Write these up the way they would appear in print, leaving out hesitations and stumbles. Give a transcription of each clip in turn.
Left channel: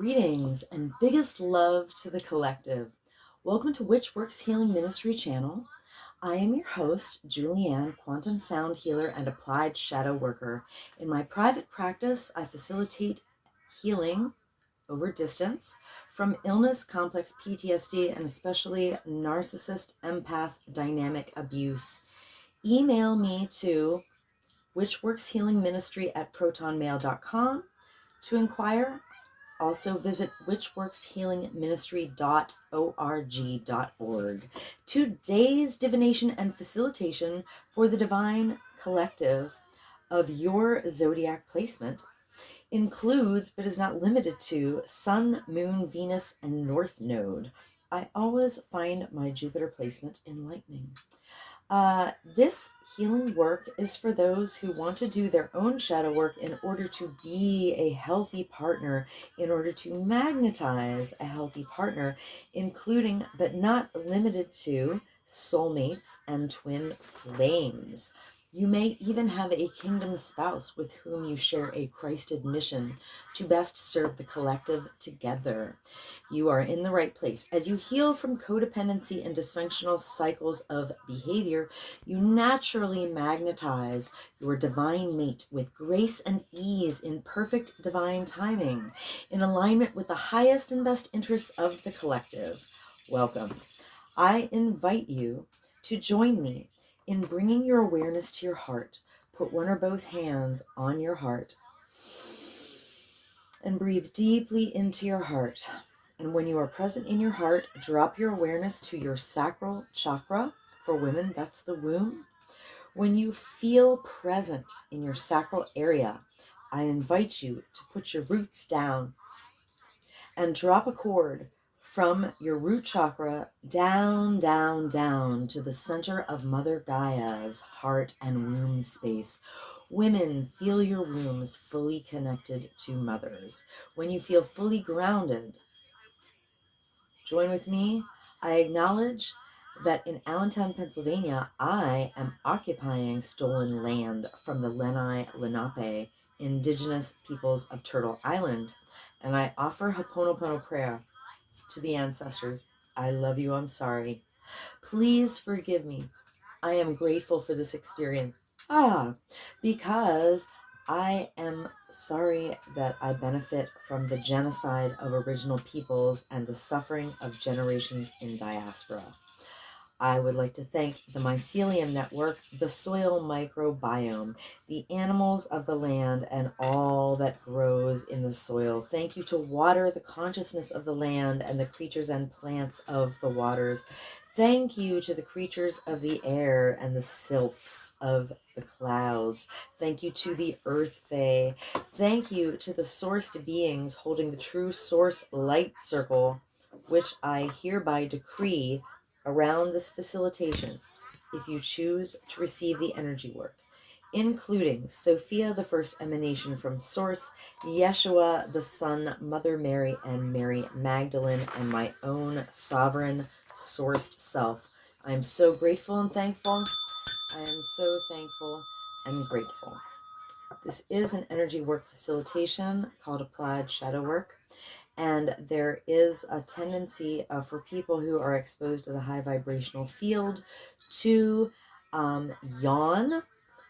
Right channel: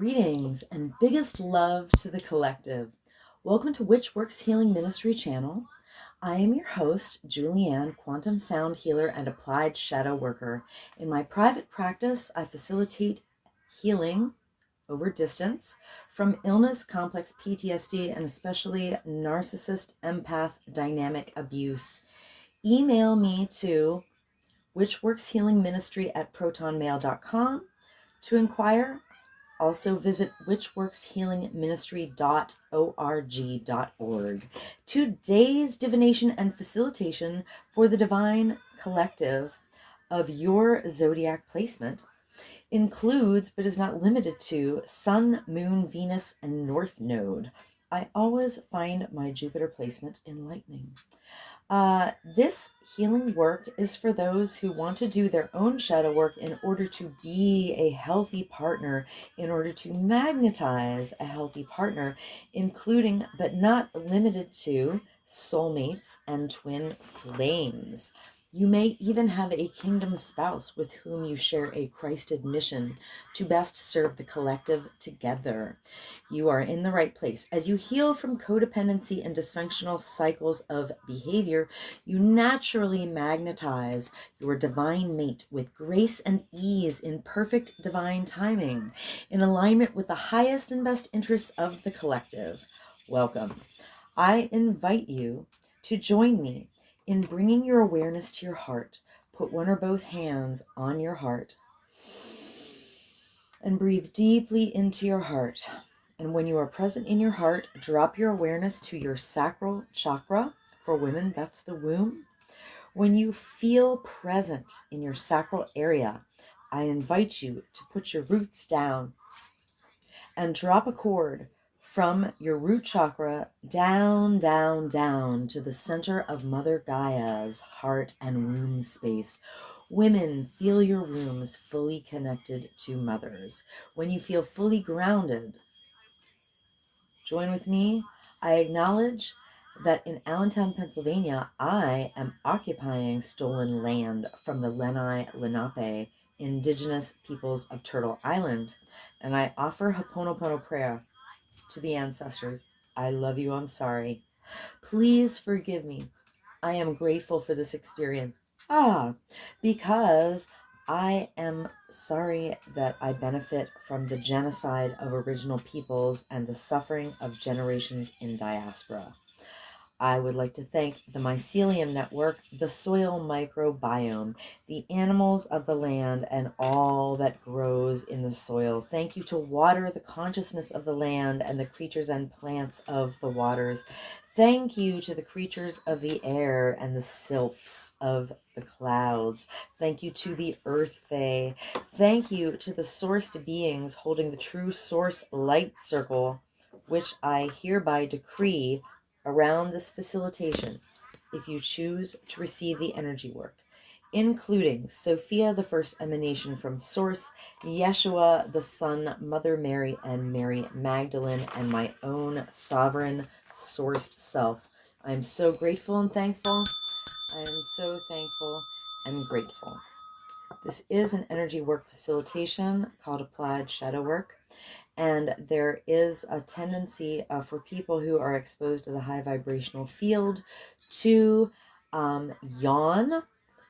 Greetings and biggest love to the collective. Welcome to Witch Works Healing Ministry channel. I am your host, Julianne, quantum sound healer and applied shadow worker. In my private practice, I facilitate healing over distance from illness, complex PTSD, and especially narcissist, empath, dynamic abuse. Email me to witchworkshealingministry@protonmail.com to inquire. Also visit witchworkshealingministry.org. Today's divination and facilitation for the divine collective of your zodiac placement includes, but is not limited to, Sun, Moon, Venus, and North Node. I always find my Jupiter placement enlightening. This healing work is for those who want to do their own shadow work in order to be a healthy partner, in order to magnetize a healthy partner, including but not limited to soulmates and twin flames. You may even have a kingdom spouse with whom you share a Christed mission to best serve the collective together. You are in the right place. As you heal from codependency and dysfunctional cycles of behavior, you naturally magnetize your divine mate with grace and ease in perfect divine timing, in alignment with the highest and best interests of the collective. Welcome. I invite you to join me in bringing your awareness to your heart. Put one or both hands on your heart and breathe deeply into your heart. And when you are present in your heart, drop your awareness to your sacral chakra. For women, that's the womb. When you feel present in your sacral area, I invite you to put your roots down and drop a cord from your root chakra down, down, down to the center of Mother Gaia's heart and womb space. Women, feel your wombs fully connected to mothers. When you feel fully grounded, join with me. I acknowledge that in Allentown, Pennsylvania, I am occupying stolen land from the Lenape indigenous peoples of Turtle Island, and I offer Ho'oponopono prayer to the ancestors. I love you. I'm sorry. Please forgive me. I am grateful for this experience. Because I am sorry that I benefit from the genocide of original peoples and the suffering of generations in diaspora. I would like to thank the Mycelium Network, the soil microbiome, the animals of the land, and all that grows in the soil. Thank you to water, the consciousness of the land, and the creatures and plants of the waters. Thank you to the creatures of the air and the sylphs of the clouds. Thank you to the Earth Fae. Thank you to the sourced beings holding the true source light circle, which I hereby decree around this facilitation, if you choose to receive the energy work, including Sophia, the first emanation from Source, Yeshua, the Son, Mother Mary, and Mary Magdalene, and my own sovereign sourced self. I am so grateful and thankful. I am so thankful and grateful. This is an energy work facilitation called Applied Shadow Work. And there is a tendency for people who are exposed to the high vibrational field to yawn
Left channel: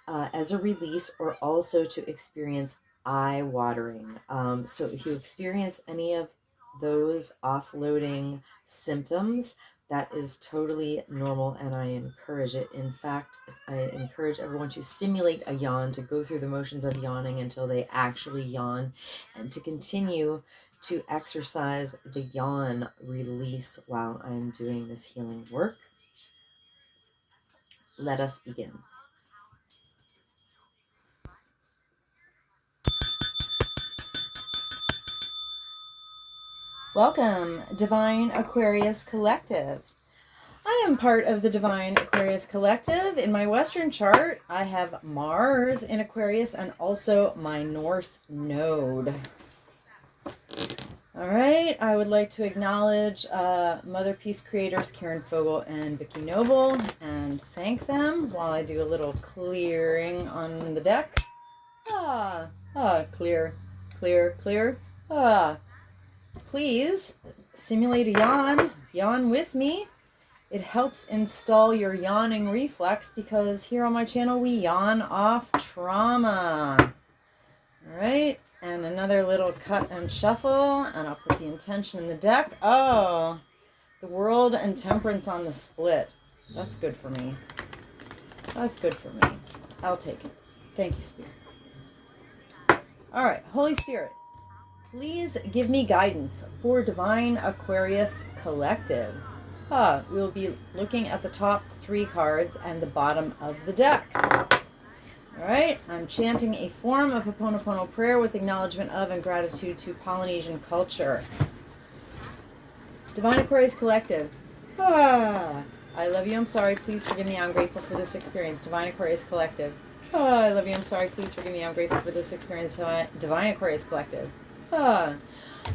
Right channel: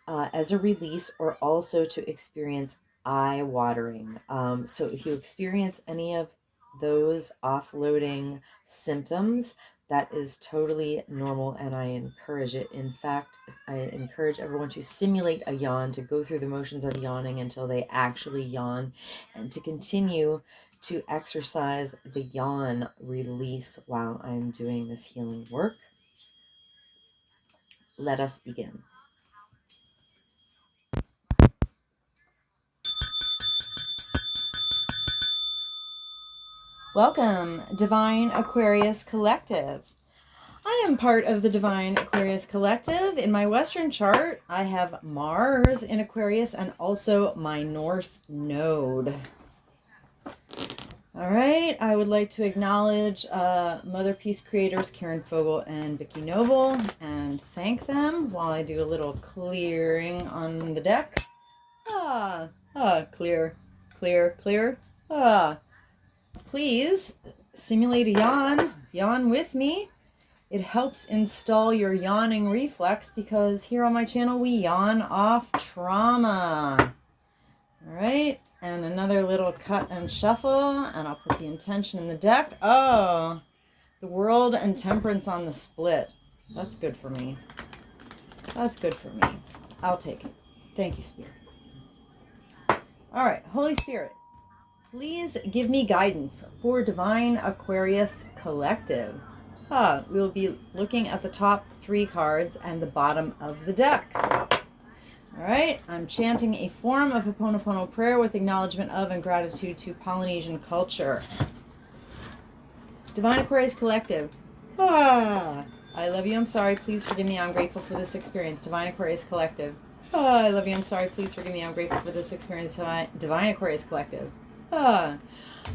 as a release, or also to experience eye watering. So if you experience any of those offloading symptoms, that is totally normal, and I encourage it. In fact, I encourage everyone to simulate a yawn, to go through the motions of yawning until they actually yawn, and to continue to exercise the yawn release while I'm doing this healing work. Let us begin. Welcome, Divine Aquarius Collective. I am part of the Divine Aquarius Collective. In my Western chart, I have Mars in Aquarius and also my North Node. All right, I would like to acknowledge Mother Peace creators Karen Fogel and Vicki Noble and thank them while I do a little clearing on the deck. Clear, clear, clear. please simulate a yawn. Yawn with me. It helps install your yawning reflex because here on my channel we yawn off trauma. All right, and another little cut and shuffle, and I'll put the intention in the deck. Oh, the world and temperance on the split. That's good for me. That's good for me. I'll take it. Thank you, Spirit. All right, Holy Spirit, please give me guidance for Divine Aquarius Collective. We'll be looking at the top 3 cards and the bottom of the deck. All right, I'm chanting a form of Ho'oponopono prayer with acknowledgement of and gratitude to Polynesian culture. Divine Aquarius Collective. I love you, I'm sorry, please forgive me, I'm grateful for this experience. Divine Aquarius Collective. I love you, I'm sorry, please forgive me, I'm grateful for this experience. Divine Aquarius Collective.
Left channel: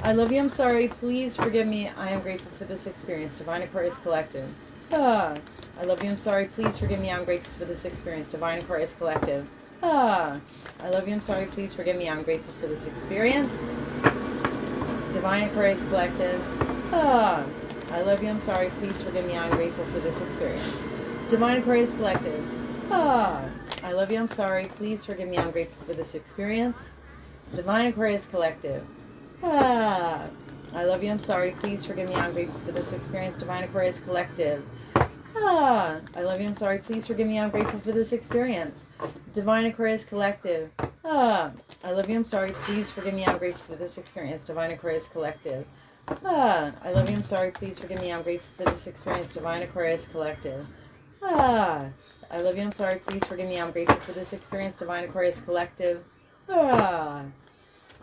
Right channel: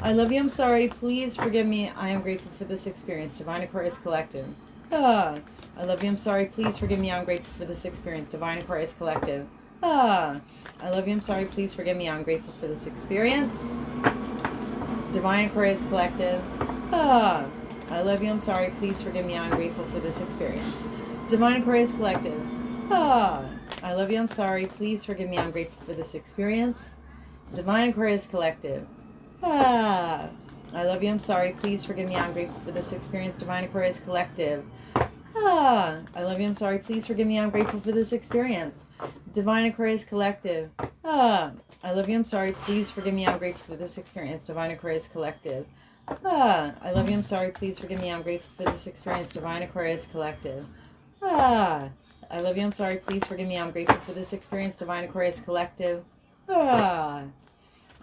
I love you, I'm sorry, please forgive me, I am grateful for this experience. Divine Aquarius Collective. I love you, I'm sorry, please forgive me, I'm grateful for this experience. Divine Aquarius Collective. I love you, I'm sorry, please forgive me, I'm grateful for this experience. Divine Aquarius Collective. I love you, I'm sorry, please forgive me, I'm grateful for this experience. Divine Aquarius Collective. I love you, I'm sorry, please forgive me, I'm grateful for this experience. Divine Aquarius Collective. I love you, I'm sorry, please forgive me, I'm grateful for this experience. Divine Aquarius Collective. I love you, I'm sorry, please forgive me, I'm grateful for this experience. Divine Aquarius Collective. I love you, I'm sorry, please forgive me, I'm grateful for this experience. Divine Aquarius Collective. I love you, I'm sorry, please forgive me, I'm grateful for this experience. Divine Aquarius Collective. I love you, I'm sorry, please forgive me, I'm grateful for this experience. Divine Aquarius Collective.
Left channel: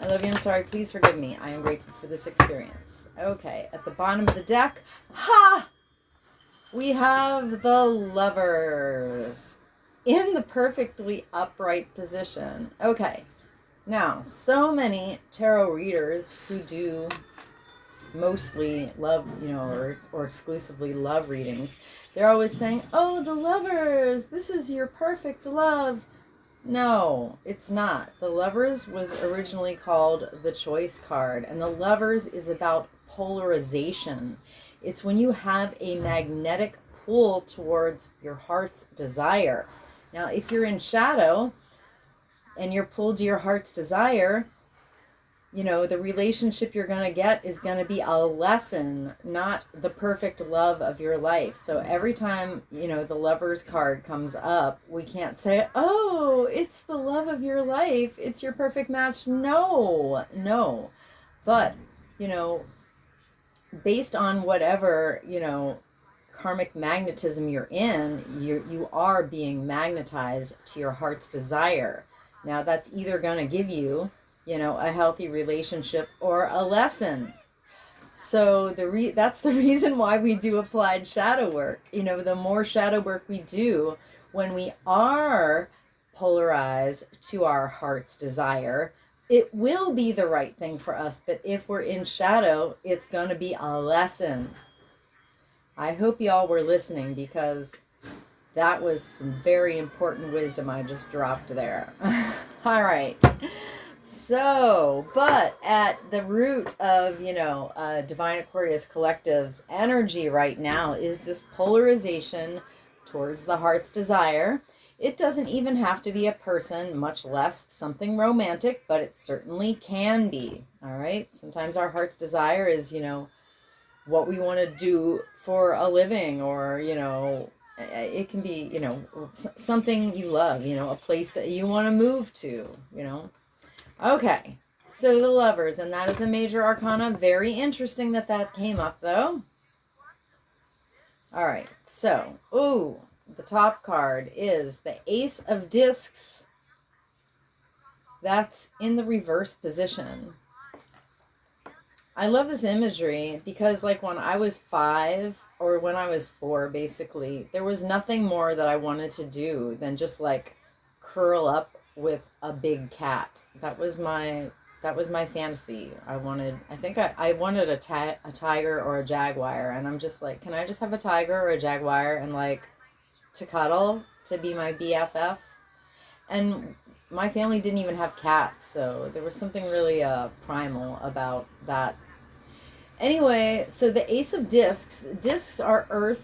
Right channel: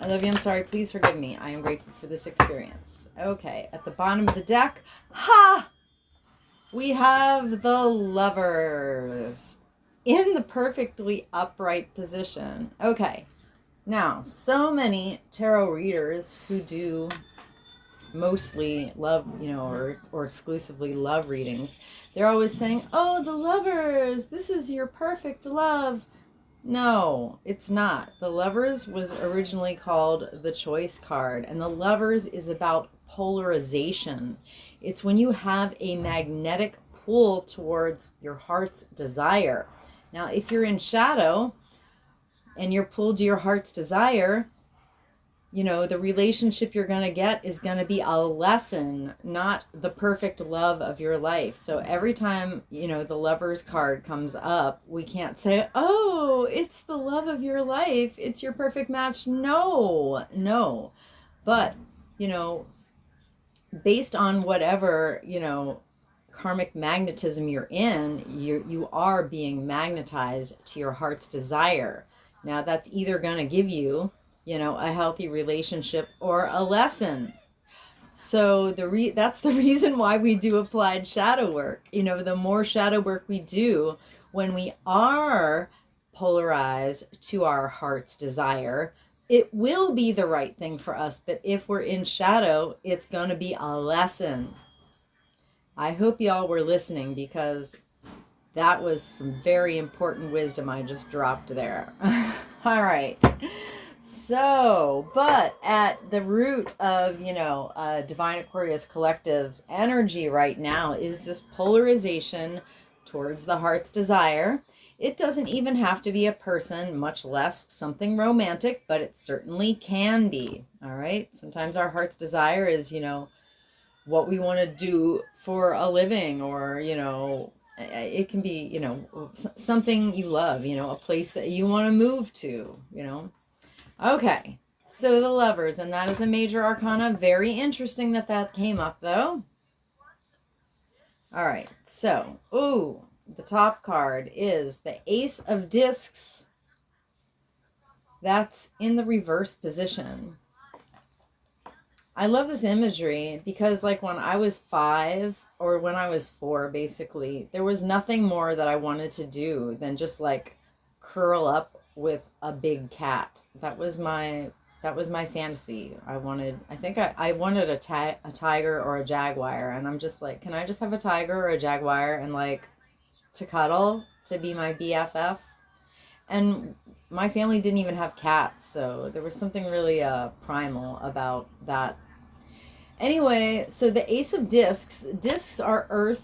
I love you, I'm sorry, please forgive me, I am grateful for this experience. Okay, at the bottom of the deck, we have the Lovers in the perfectly upright position. Okay, now, so many tarot readers who do mostly love, or exclusively love readings, they're always saying, oh, the Lovers, this is your perfect love. No, it's not. The Lovers was originally called the Choice card, and the Lovers is about polarization. It's when you have a magnetic pull towards your heart's desire. Now, if you're in shadow and you're pulled to your heart's desire, the relationship you're going to get is going to be a lesson, not the perfect love of your life. So every time, the Lovers card comes up, we can't say, oh, it's the love of your life, it's your perfect match. No. But, based on whatever, karmic magnetism you're in, you are being magnetized to your heart's desire. Now, that's either going to give you, a healthy relationship or a lesson. So that's the reason why we do applied shadow work. The more shadow work we do when we are polarized to our heart's desire, it will be the right thing for us. But if we're in shadow, it's going to be a lesson. I hope y'all were listening, because that was some very important wisdom I just dropped there. All right. So, but at the root of, Divine Aquarius Collective's energy right now is this polarization towards the heart's desire. It doesn't even have to be a person, much less something romantic, but it certainly can be. All right. Sometimes our heart's desire is, what we want to do for a living, or, it can be, something you love, a place that you want to move to, Okay, so the Lovers, and that is a major arcana. Very interesting that came up, though. All right, so, the top card is the Ace of Discs. That's in the reverse position. I love this imagery because, like, when I was 5 or when I was 4, basically, there was nothing more that I wanted to do than just, like, curl up with a big cat. That was my fantasy. I wanted a tiger or a jaguar, and I'm just like, can I just have a tiger or a jaguar and, like, to cuddle, to be my BFF? And my family didn't even have cats, so there was something really primal about that. Anyway, so the Ace of Discs are earth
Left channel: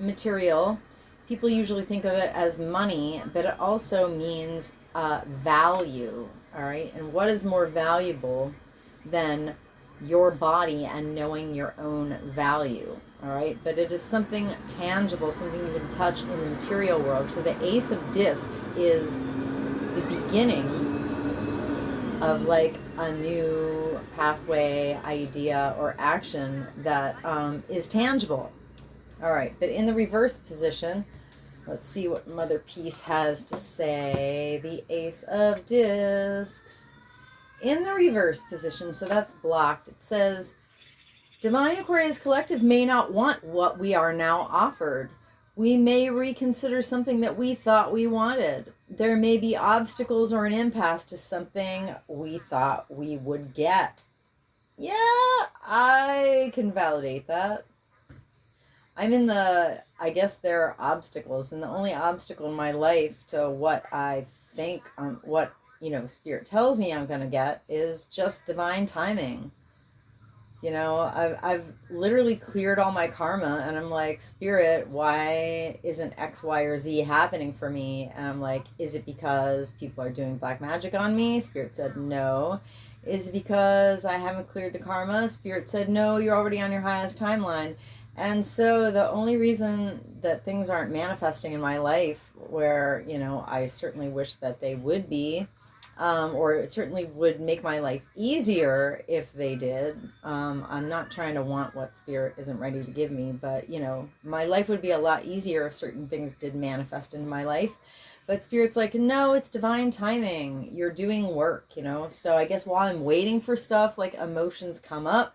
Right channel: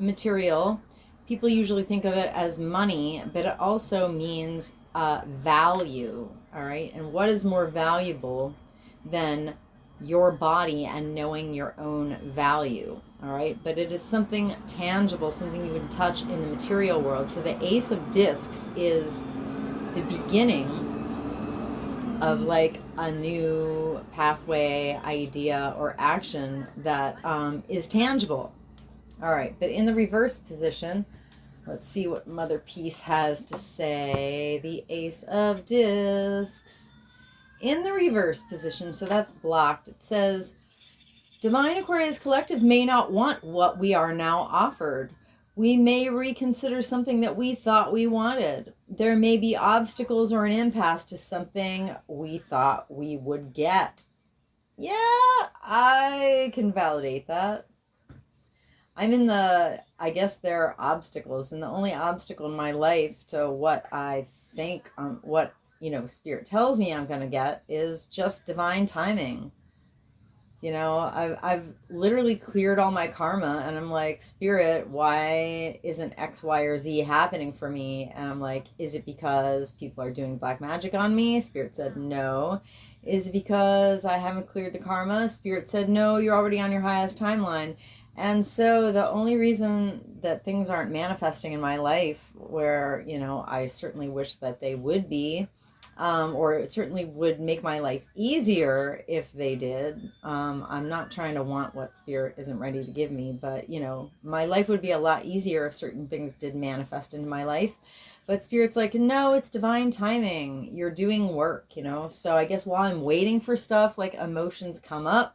material. People usually think of it as money, but it also means value. All right. And what is more valuable than your body and knowing your own value? All right. But it is something tangible, something you can touch in the material world. So the Ace of Discs is the beginning of like a new pathway, idea, or action that is tangible. All right, but in the reverse position, let's see what Mother Peace has to say. The Ace of Discs. In the reverse position, so that's blocked, it says, Divine Aquarius Collective may not want what we are now offered. We may reconsider something that we thought we wanted. There may be obstacles or an impasse to something we thought we would get. Yeah, I can validate that. I guess there are obstacles, and the only obstacle in my life to what I think, what, Spirit tells me I'm going to get is just divine timing. I've literally cleared all my karma, and I'm like, Spirit, why isn't X, Y, or Z happening for me? And I'm like, is it because people are doing black magic on me? Spirit said no. Is it because I haven't cleared the karma? Spirit said no, you're already on your highest timeline. And so the only reason that things aren't manifesting in my life where, I certainly wish that they would be, or it certainly would make my life easier if they did. I'm not trying to want what Spirit isn't ready to give me, but my life would be a lot easier if certain things did manifest into my life. But Spirit's like, no, it's divine timing. You're doing work, So I guess while I'm waiting for stuff, like emotions come up,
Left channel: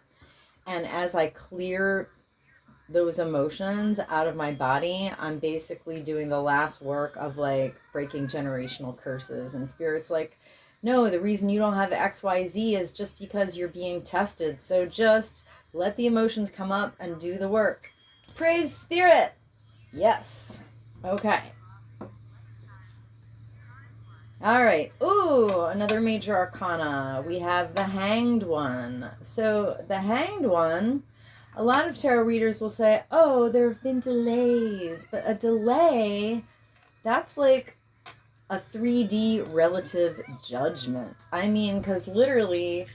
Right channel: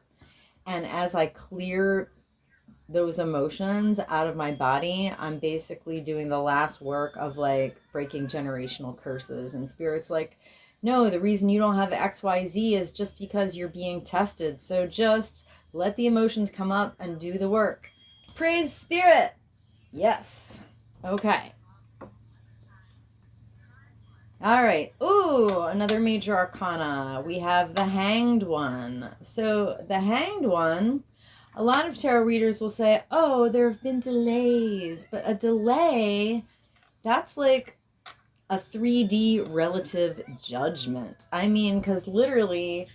and as I clear those emotions out of my body, I'm basically doing the last work of like breaking generational curses. And Spirit's like, no, the reason you don't have XYZ is just because you're being tested. So just let the emotions come up and do the work. Praise Spirit. Yes. Okay. All right. Ooh, another major arcana. We have the Hanged One. So the Hanged One, a lot of tarot readers will say, oh, there have been delays. But a delay, that's like a 3D relative judgment. I mean, because literally,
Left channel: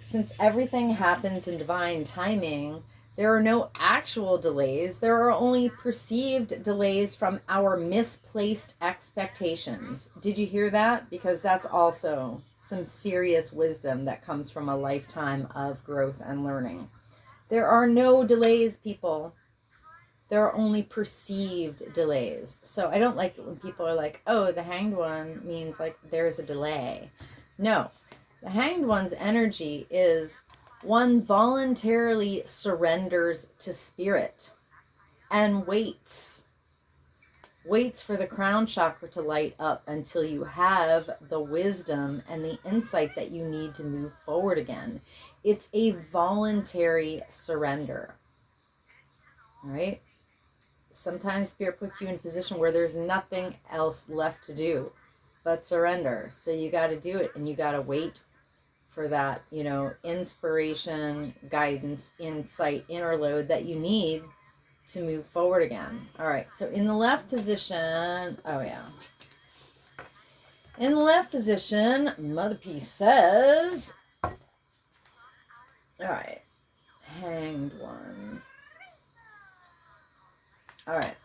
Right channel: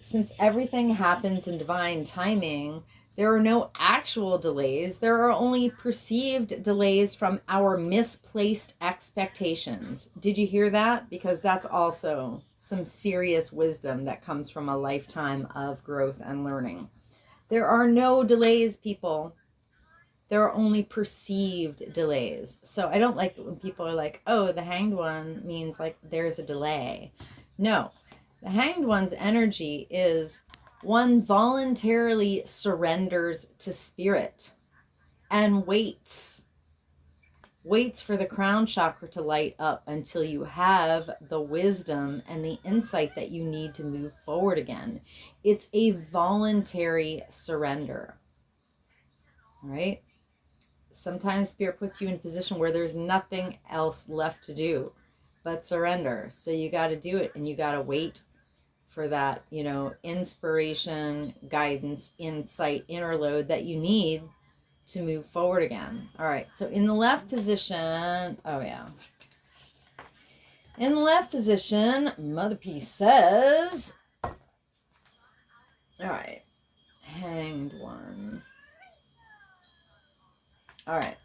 since everything happens in divine timing, there are no actual delays. There are only perceived delays from our misplaced expectations. Did you hear that? Because that's also some serious wisdom that comes from a lifetime of growth and learning. There are no delays, people. There are only perceived delays. So I don't like it when people are like, oh, the Hanged One means like there's a delay. No, the Hanged One's energy is one voluntarily surrenders to Spirit and waits for the crown chakra to light up until you have the wisdom and the insight that you need to move forward again. It's a voluntary surrender. All right? Sometimes Spirit puts you in a position where there's nothing else left to do but surrender. So you got to do it, and you got to wait for that, inspiration, guidance, insight, inner load that you need to move forward again. All right. So in the left position, in the left position, Mother Peace says, all right, Hanged One. All right.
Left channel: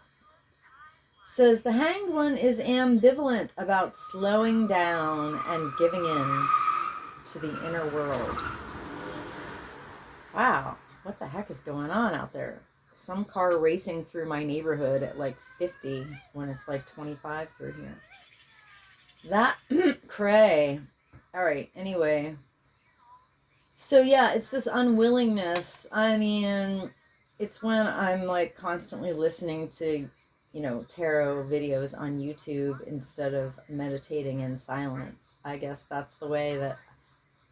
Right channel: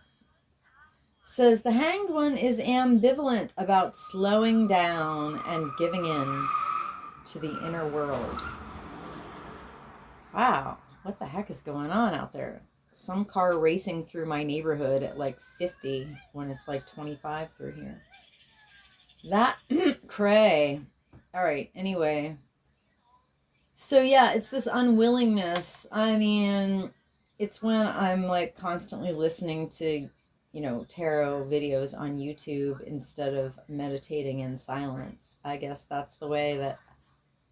Says the Hanged One is ambivalent about slowing down and giving in to the inner world. Wow, what the heck is going on out there? Some car racing through my neighborhood at like 50 when it's like 25 through here. That cray. All right, anyway. So yeah, it's this unwillingness. I mean, it's when I'm like constantly listening to tarot videos on YouTube instead of meditating in silence. I guess that's the way that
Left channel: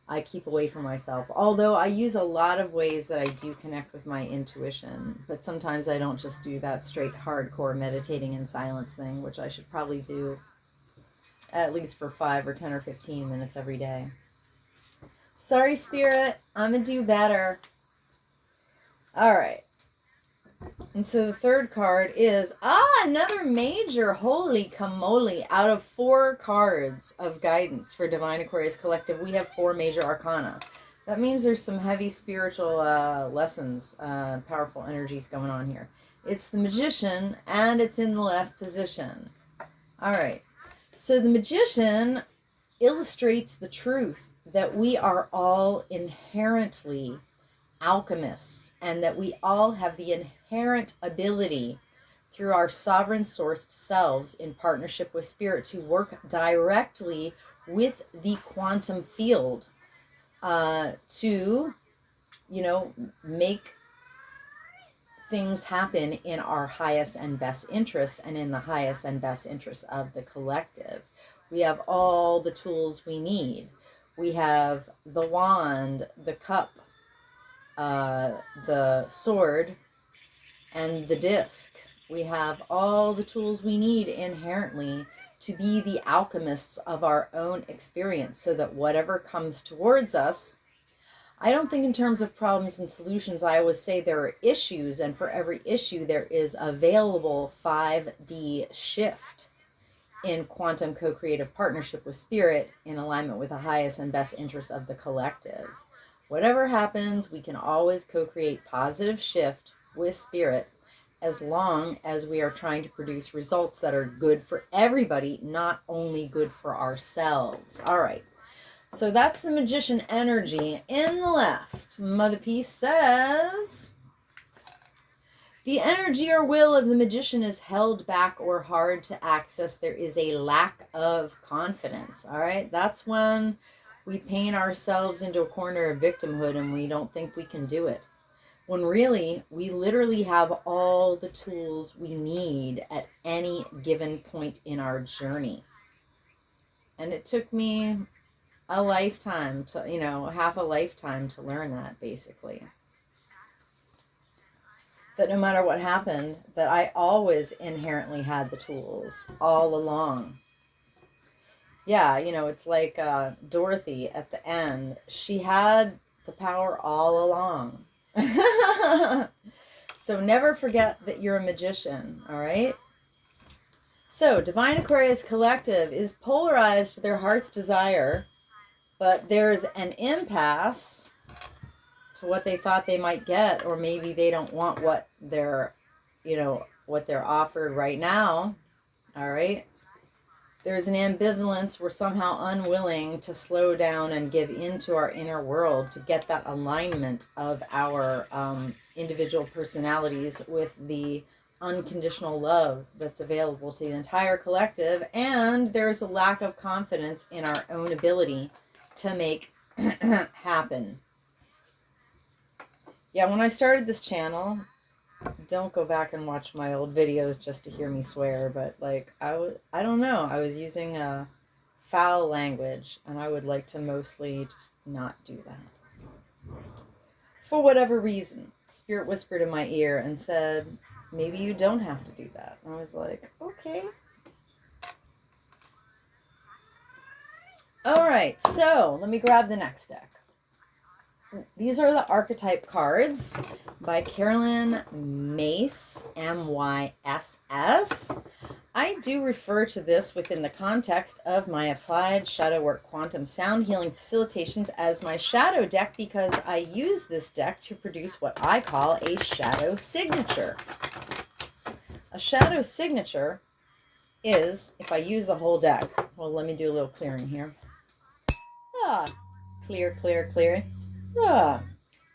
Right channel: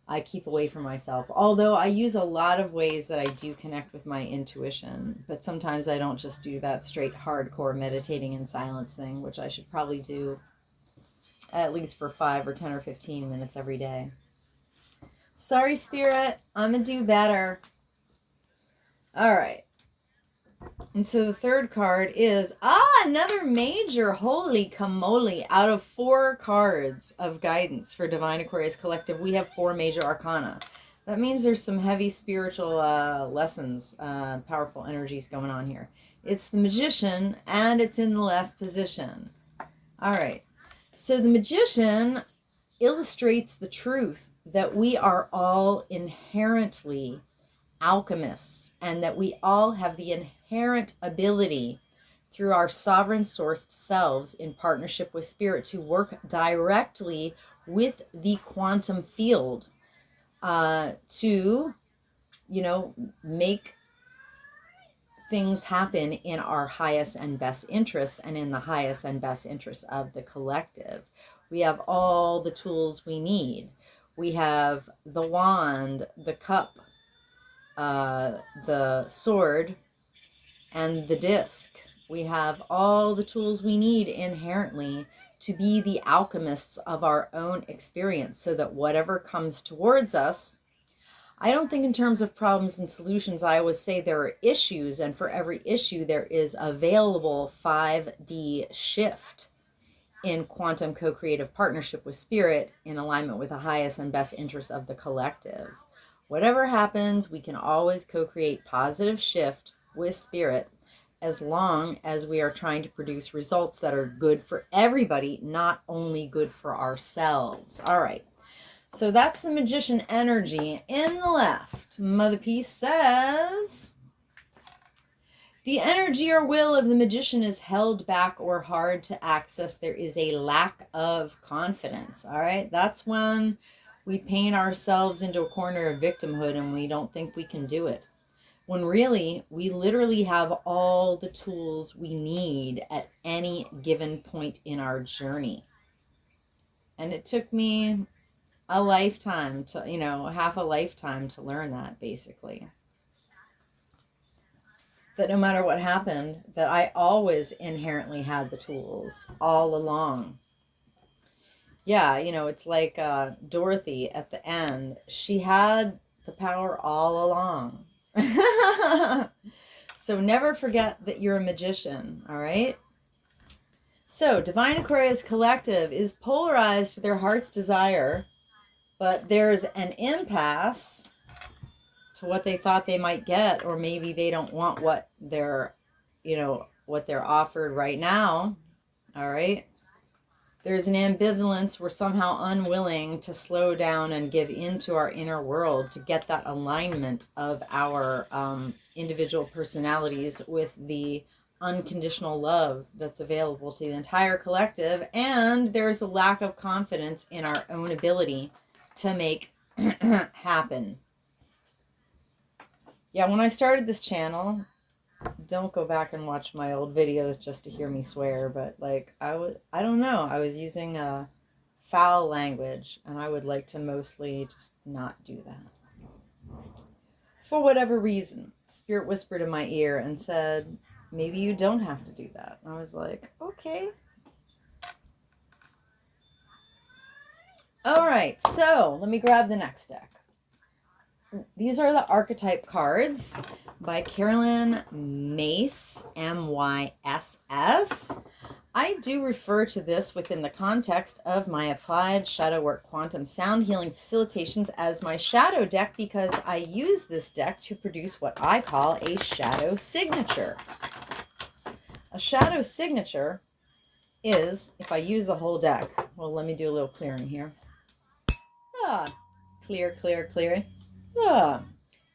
I keep away from myself. Although I use a lot of ways that I do connect with my intuition, but sometimes I don't just do that straight hardcore meditating in silence thing, which I should probably do at least for 5 or 10 or 15 minutes every day. Sorry, Spirit, I'm gonna do better. All right. And so the third card is, another major. Holy camole. Out of 4 cards of guidance for Divine Aquarius Collective, we have 4 major arcana. That means there's some heavy spiritual lessons, powerful energies going on here. It's the Magician, and it's in the left position. All right. So the Magician illustrates the truth that we are all inherently alchemists, and that we all have the inherent ability through our sovereign sourced selves in partnership with spirit to work directly with the quantum field to, make things happen in our highest and best interests and in the highest and best interests of the collective. We have all the tools we need. We have the wand, the cup, the sword, and the disc. We have all the tools we need inherently to be the alchemists of our own experience, so that whatever comes towards us, I don't think in terms of problems and solutions. I always say there are issues, and for every issue there is available 5D shift in quantum co-creative partnership with spirit, in alignment with the highest and best interests of the collective. Whatever happens, we can always co-create positive shift with spirit, as long as we are trying to produce results that are good for everybody, not only good for ourselves. All right. So that's the Magician energy. In the left, Mother Peace says, the energy or will of the Magician is held back or hard to access. There is a lack of confidence. All right. That's when we paint ourselves into a corner of victimhood and we don't think we can do it. When really, we literally have all the tools we need at any given point in our journey. And it took me a lifetime to, half a lifetime to learn that, basically. That no matter what happened, that I always inherently had the tools all along. Yeah, it's like Dorothy at the end. She had the power all along. So never forget that you're a magician, all right? So Divine Aquarius Collective is polarized to their heart's desire, but there's an impasse to what they thought they might get, or maybe they don't want what they're offered right now, all right? There's an ambivalence. We're somehow unwilling to slow down and give into our inner world to get that alignment of our individual personalities with the unconditional love that's available to the entire collective. And there's a lack of confidence in our own ability to make happen. Yeah, when I started this channel, don't go back and watch my old videos just to hear me swear, but I don't know, I was using a foul language, and I would like to mostly just not do that. For whatever reason, Spirit whispered in my ear and said, maybe you don't have to do that. And I was like, okay. All right, so let me grab the next deck. These are the archetype cards by Carolyn Myss, M-Y-S-S. I do refer to this within the context of my Applied Shadow Work Quantum Sound Healing Facilitations as my shadow deck, because I use this deck to produce what I call a shadow signature. A shadow signature is, if I use the whole deck, well, let me do a little clearing here. Clear.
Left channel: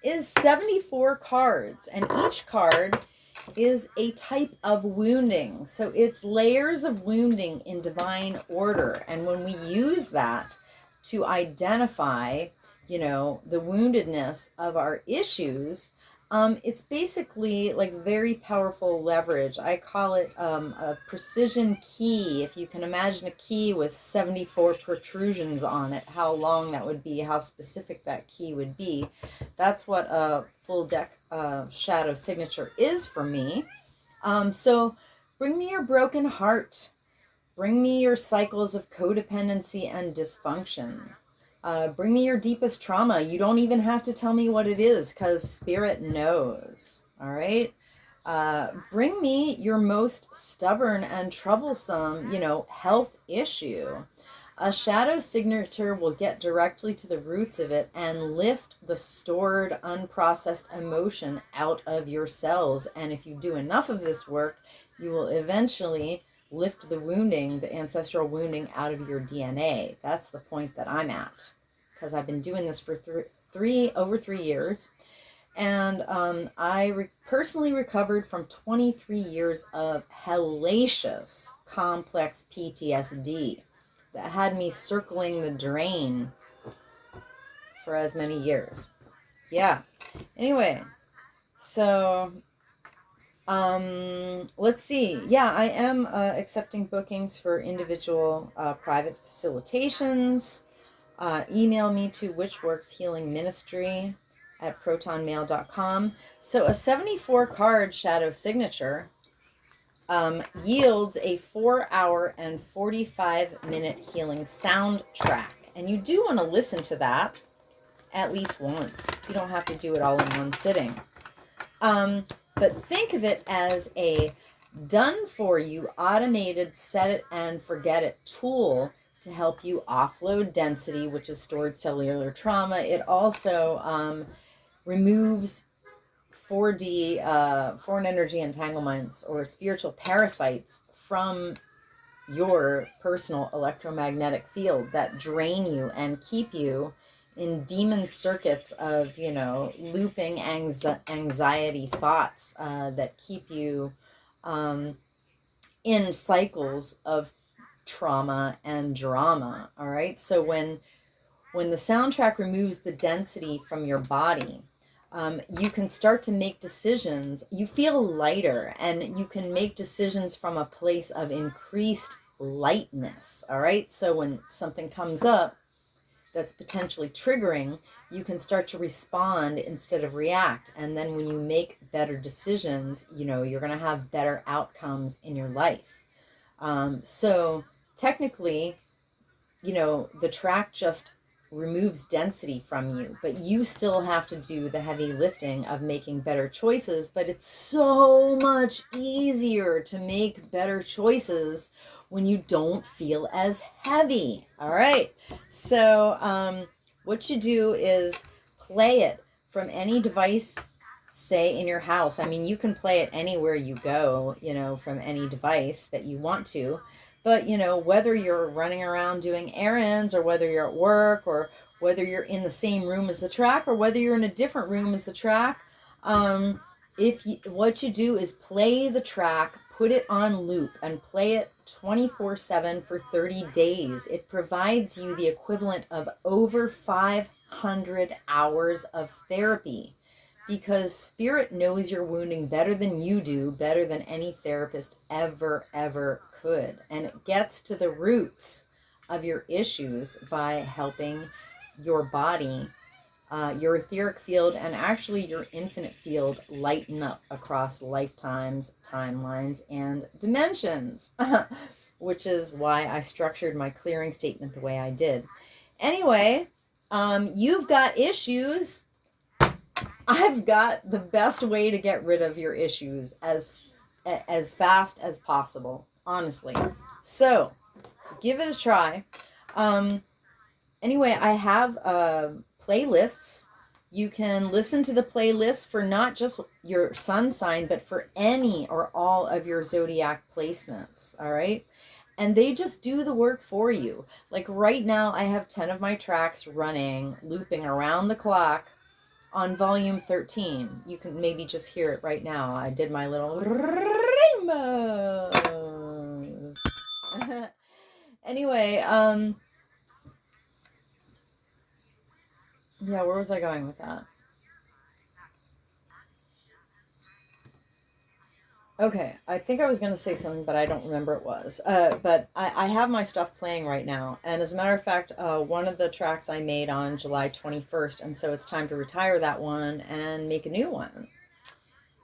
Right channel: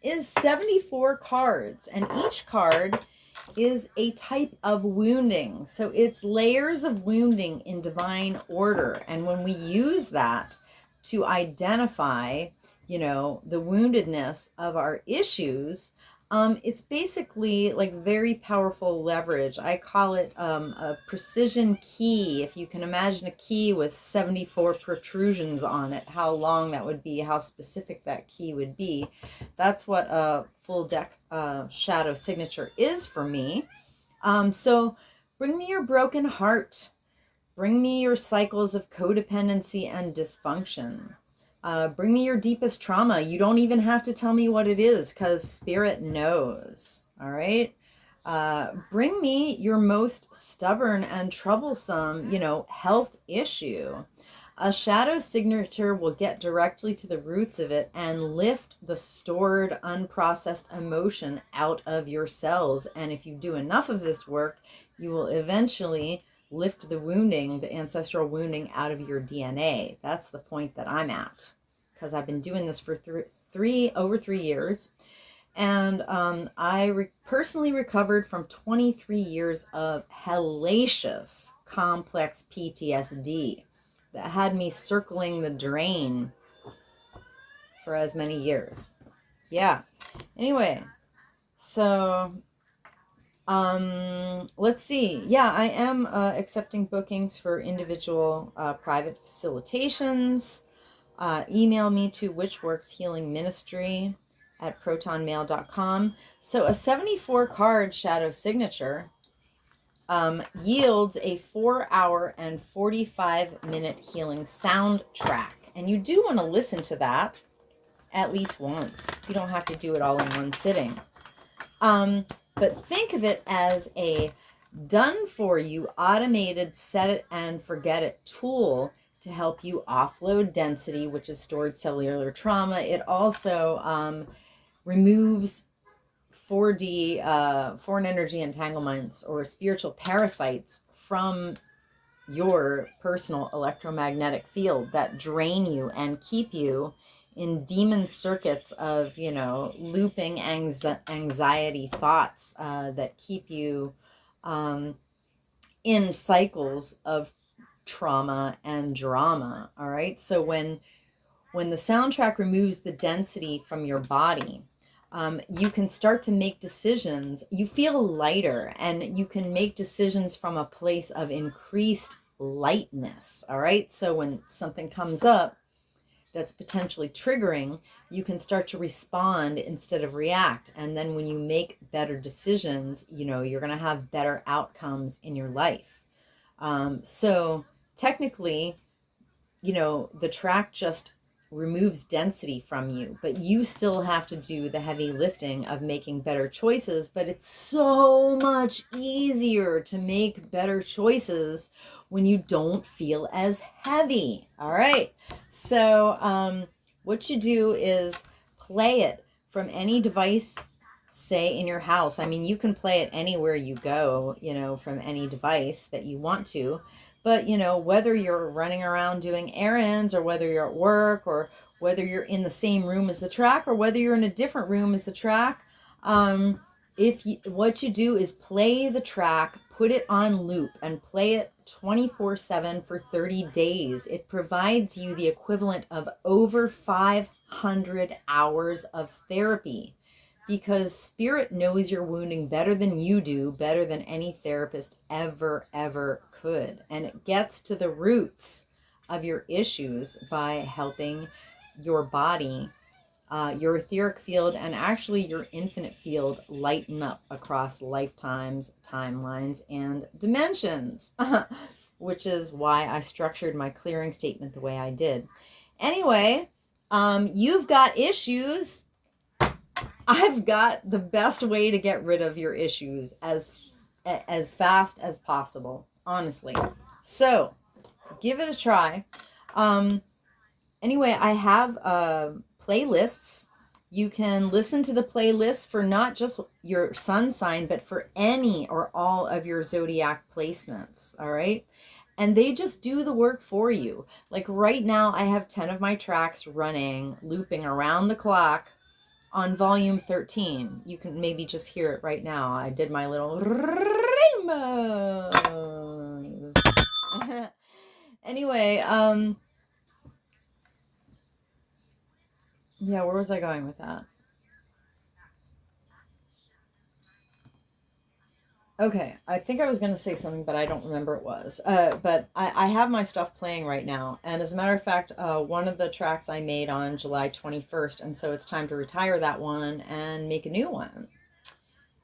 Is 74 cards, and each card is a type of wounding. So it's layers of wounding in divine order. And when we use that to identify, the woundedness of our issues, it's basically like very powerful leverage. I call it a precision key. If you can imagine a key with 74 protrusions on it, how long that would be, how specific that key would be. That's what a full deck shadow signature is for me. So bring me your broken heart. Bring me your cycles of codependency and dysfunction. Bring me your deepest trauma. You don't even have to tell me what it is, because Spirit knows. All right. Bring me your most stubborn and troublesome, health issue. A shadow signature will get directly to the roots of it and lift the stored, unprocessed emotion out of your cells. And if you do enough of this work, you will eventually lift the wounding, the ancestral wounding, out of your DNA. That's the point that I'm at, because I've been doing this for over 3 years. And I personally recovered from 23 years of hellacious complex PTSD that had me circling the drain for as many years. Yeah. Anyway, so let's see. Yeah, I am accepting bookings for individual private facilitations. Email me to witchworkshealingministry@protonmail.com. So a 74 card shadow signature yields a 4-hour and 45-minute healing soundtrack. And you do want to listen to that at least once. You don't have to do it all in one sitting. But think of it as a done for you, automated, set it and forget it tool to help you offload density, which is stored cellular trauma. It also removes 4D, foreign energy entanglements or spiritual parasites from your personal electromagnetic field that drain you and keep you in demon circuits of, looping anxiety thoughts that keep you in cycles of trauma and drama. All right. So when the soundtrack removes the density from your body, you can start to make decisions. You feel lighter, and you can make decisions from a place of increased lightness. All right. So when something comes up that's potentially triggering, you can start to respond instead of react. And then when you make better decisions, you're going to have better outcomes in your life. So technically, the track just removes density from you, but you still have to do the heavy lifting of making better choices. But it's so much easier to make better choices when you don't feel as heavy. All right. So what you do is play it from any device, say in your house. I mean, you can play it anywhere you go, from any device that you want to. But, whether you're running around doing errands, or whether you're at work, or whether you're in the same room as the track, or whether you're in a different room as the track, what you do is play the track, put it on loop, and play it 24/7 for 30 days. It provides you the equivalent of over 500 hours of therapy, because Spirit knows your wounding better than you do, better than any therapist ever could. And it gets to the roots of your issues by helping your body, your etheric field, and actually your infinite field lighten up across lifetimes, timelines, and dimensions, which is why I structured my clearing statement the way I did. Anyway, you've got issues. I've got the best way to get rid of your issues as fast as possible, honestly. So give it a try. Anyway, I have playlists. You can listen to the playlists for not just your sun sign, but for any or all of your zodiac placements. All right. And they just do the work for you. Like right now, I have 10 of my tracks running, looping around the clock on volume 13. You can maybe just hear it right now. I did my little rainbows. Anyway, yeah, where was I going with that? Okay, I think I was going to say something, but I don't remember it was. But I have my stuff playing right now. And as a matter of fact, one of the tracks I made on July 21st. And so it's time to retire that one and make a new one.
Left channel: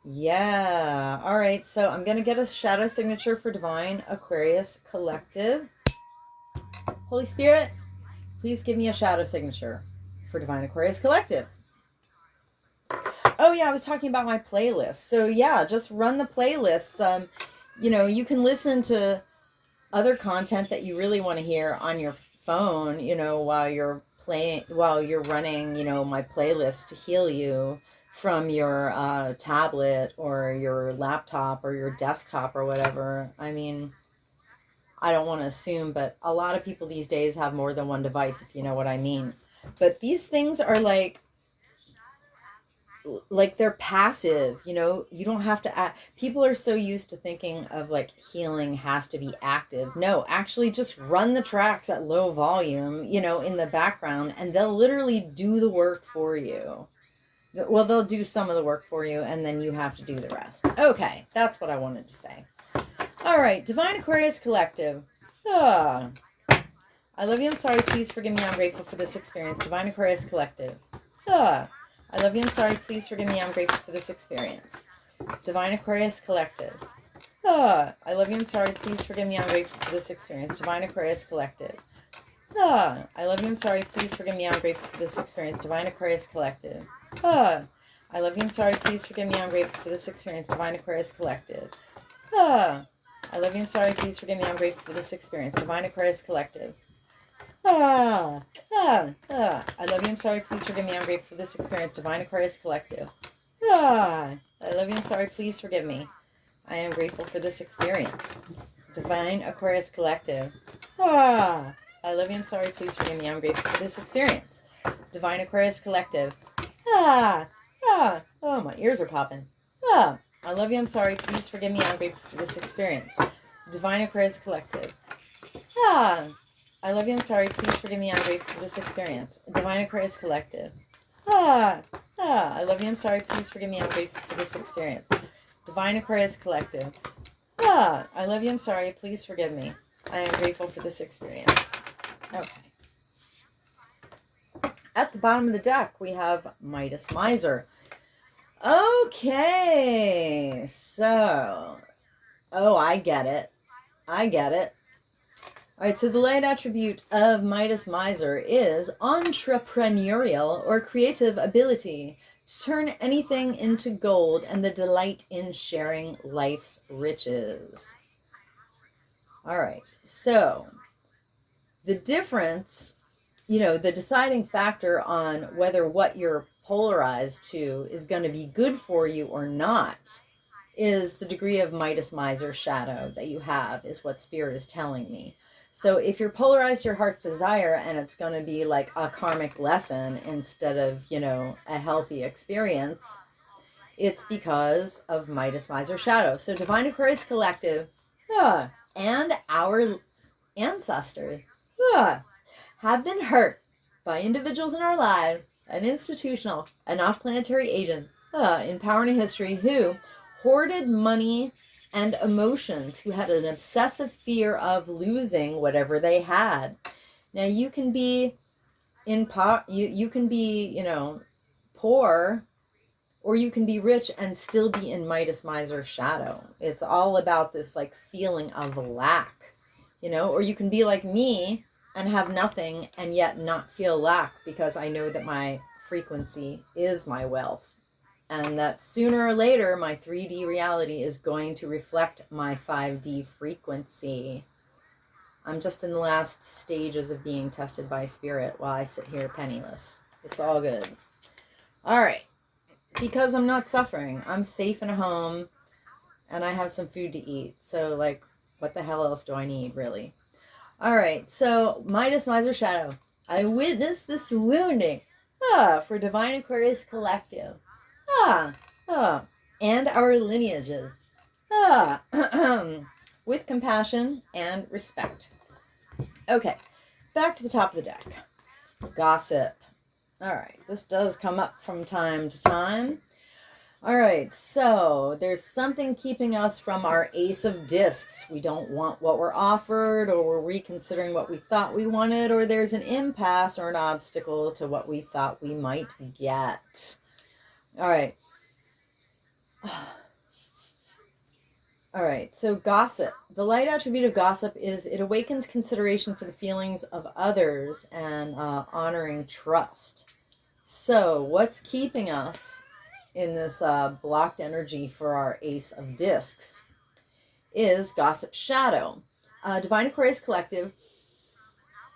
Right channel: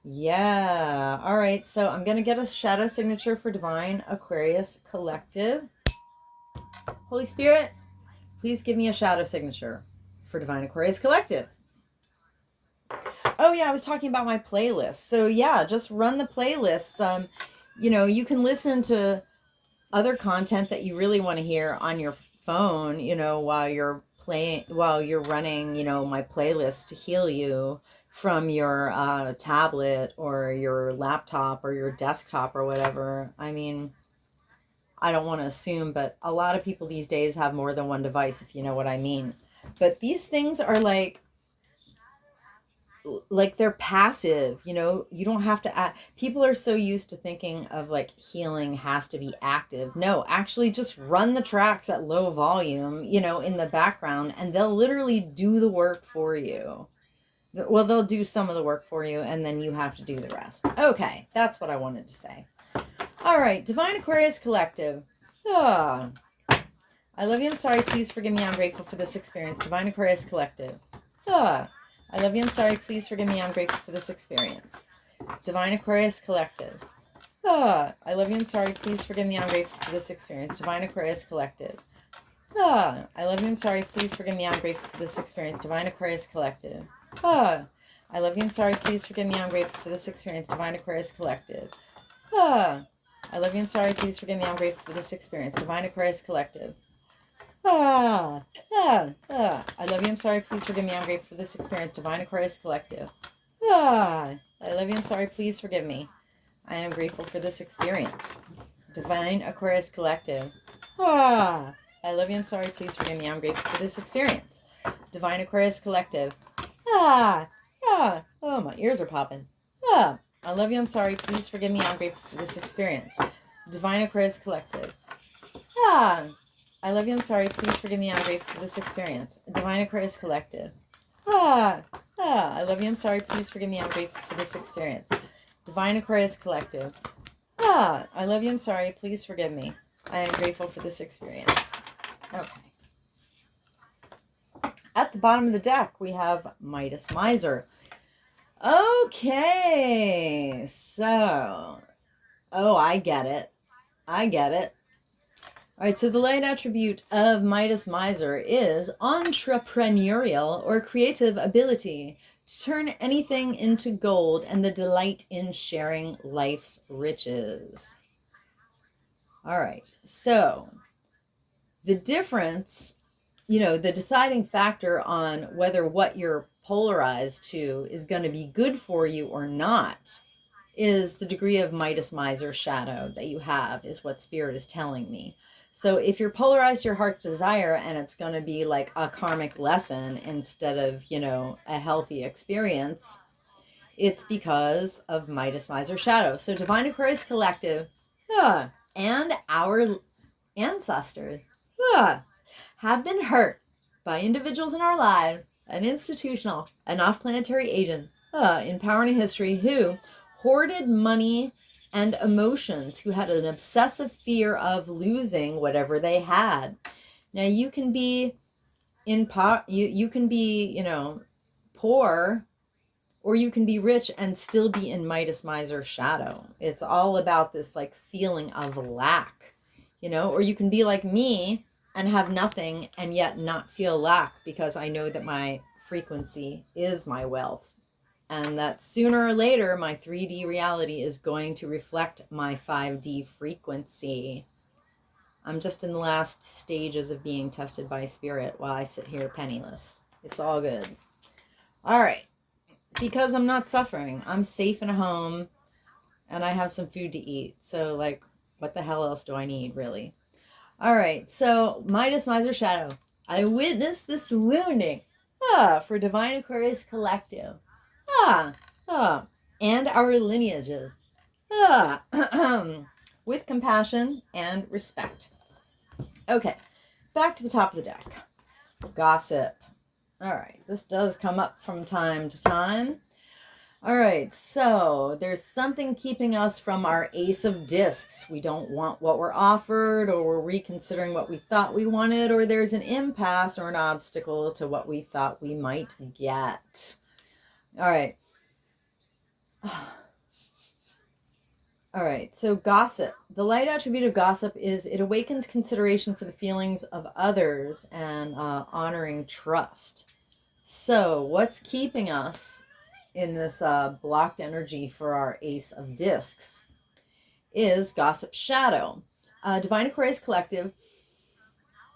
Yeah. All right. So I'm going to get a shadow signature for Divine Aquarius Collective. Holy Spirit, please give me a shadow signature for Divine Aquarius Collective. Oh yeah, I was talking about my playlist. So yeah, just run the playlists. You can listen to other content that you really want to hear on your phone, while you're running, my playlist to heal you from your tablet or your laptop or your desktop or whatever. I mean, I don't want to assume, but a lot of people these days have more than one device, if you know what I mean. But these things are like they're passive, you don't have to act. People are so used to thinking of like healing has to be active. No, actually just run the tracks at low volume, in the background, and they'll literally do the work for you. Well, they'll do some of the work for you, and then you have to do the rest. Okay, that's what I wanted to say. All right, Divine Aquarius Collective. I love you, I'm sorry, please forgive me, I'm grateful for this experience. Divine Aquarius Collective. I love you, I'm sorry, please forgive me, I'm grateful for this experience. Divine Aquarius Collective. I love you, I'm sorry, please forgive me, I'm grateful for this experience. Divine Aquarius Collective. I love you, I'm sorry, please forgive me, I'm grateful for this experience. Divine Aquarius Collective. I love you, I'm sorry, please forgive me, I'm grateful for this experience. Divine Aquarius Collective. I love you, I'm sorry, please forgive me, I'm grateful for this experience. Divine Aquarius Collective. I love you, I'm sorry, please forgive me, I'm grateful for this experience. Divine Aquarius Collective. I love you, I'm sorry, please forgive me. I am grateful for this experience. Divine Aquarius Collective. I love you, I'm sorry, please forgive me, I'm grateful for this experience. Divine Aquarius Collective. Oh, my ears are popping. I love you, I'm sorry, please forgive me, I'm grateful for this experience. Divine Aquarius Collective. I love you, I'm sorry, please forgive me, I'm grateful for this experience. Divine Aquarius Collective. I love you, I'm sorry, please forgive me, I'm grateful for this experience. Divine Aquarius Collective. I love you, I'm sorry, please forgive me. I am grateful for this experience. Okay. At the bottom of the deck, we have Midas Miser. Okay, so, I get it. All right, so the light attribute of Midas Miser is entrepreneurial or creative ability to turn anything into gold and the delight in sharing life's riches. All right, so the difference, the deciding factor on whether what you're polarized to is going to be good for you or not is the degree of Midas Miser shadow that you have, is what Spirit is telling me. So if you're polarized to your heart's desire and it's going to be like a karmic lesson instead of, a healthy experience, it's because of Midas Miser shadow. So Divine Aquarius Collective and our ancestors have been hurt by individuals in our lives and institutional and off-planetary agents in power and history who hoarded money and emotions, who had an obsessive fear of losing whatever they had. Now you can be you can be, poor, or you can be rich and still be in Midas Miser shadow. It's all about this like feeling of lack, or you can be like me and have nothing and yet not feel lack, because I know that my frequency is my wealth. And that sooner or later, my 3D reality is going to reflect my 5D frequency. I'm just in the last stages of being tested by Spirit while I sit here penniless. It's all good. All right. Because I'm not suffering. I'm safe in a home and I have some food to eat. So, like, what the hell else do I need, really? All right. So, Midas Miser Shadow. I witnessed this wounding for Divine Aquarius Collective. And our lineages. With compassion and respect. Okay, back to the top of the deck. Gossip. All right, this does come up from time to time. All right, so there's something keeping us from our Ace of Discs. We don't want what we're offered, or we're reconsidering what we thought we wanted, or there's an impasse or an obstacle to what we thought we might get. All right. All right, so gossip. The light attribute of gossip is it awakens consideration for the feelings of others and honoring trust. So, what's keeping us in this blocked energy for our Ace of Discs is gossip shadow. Divine Aquarius Collective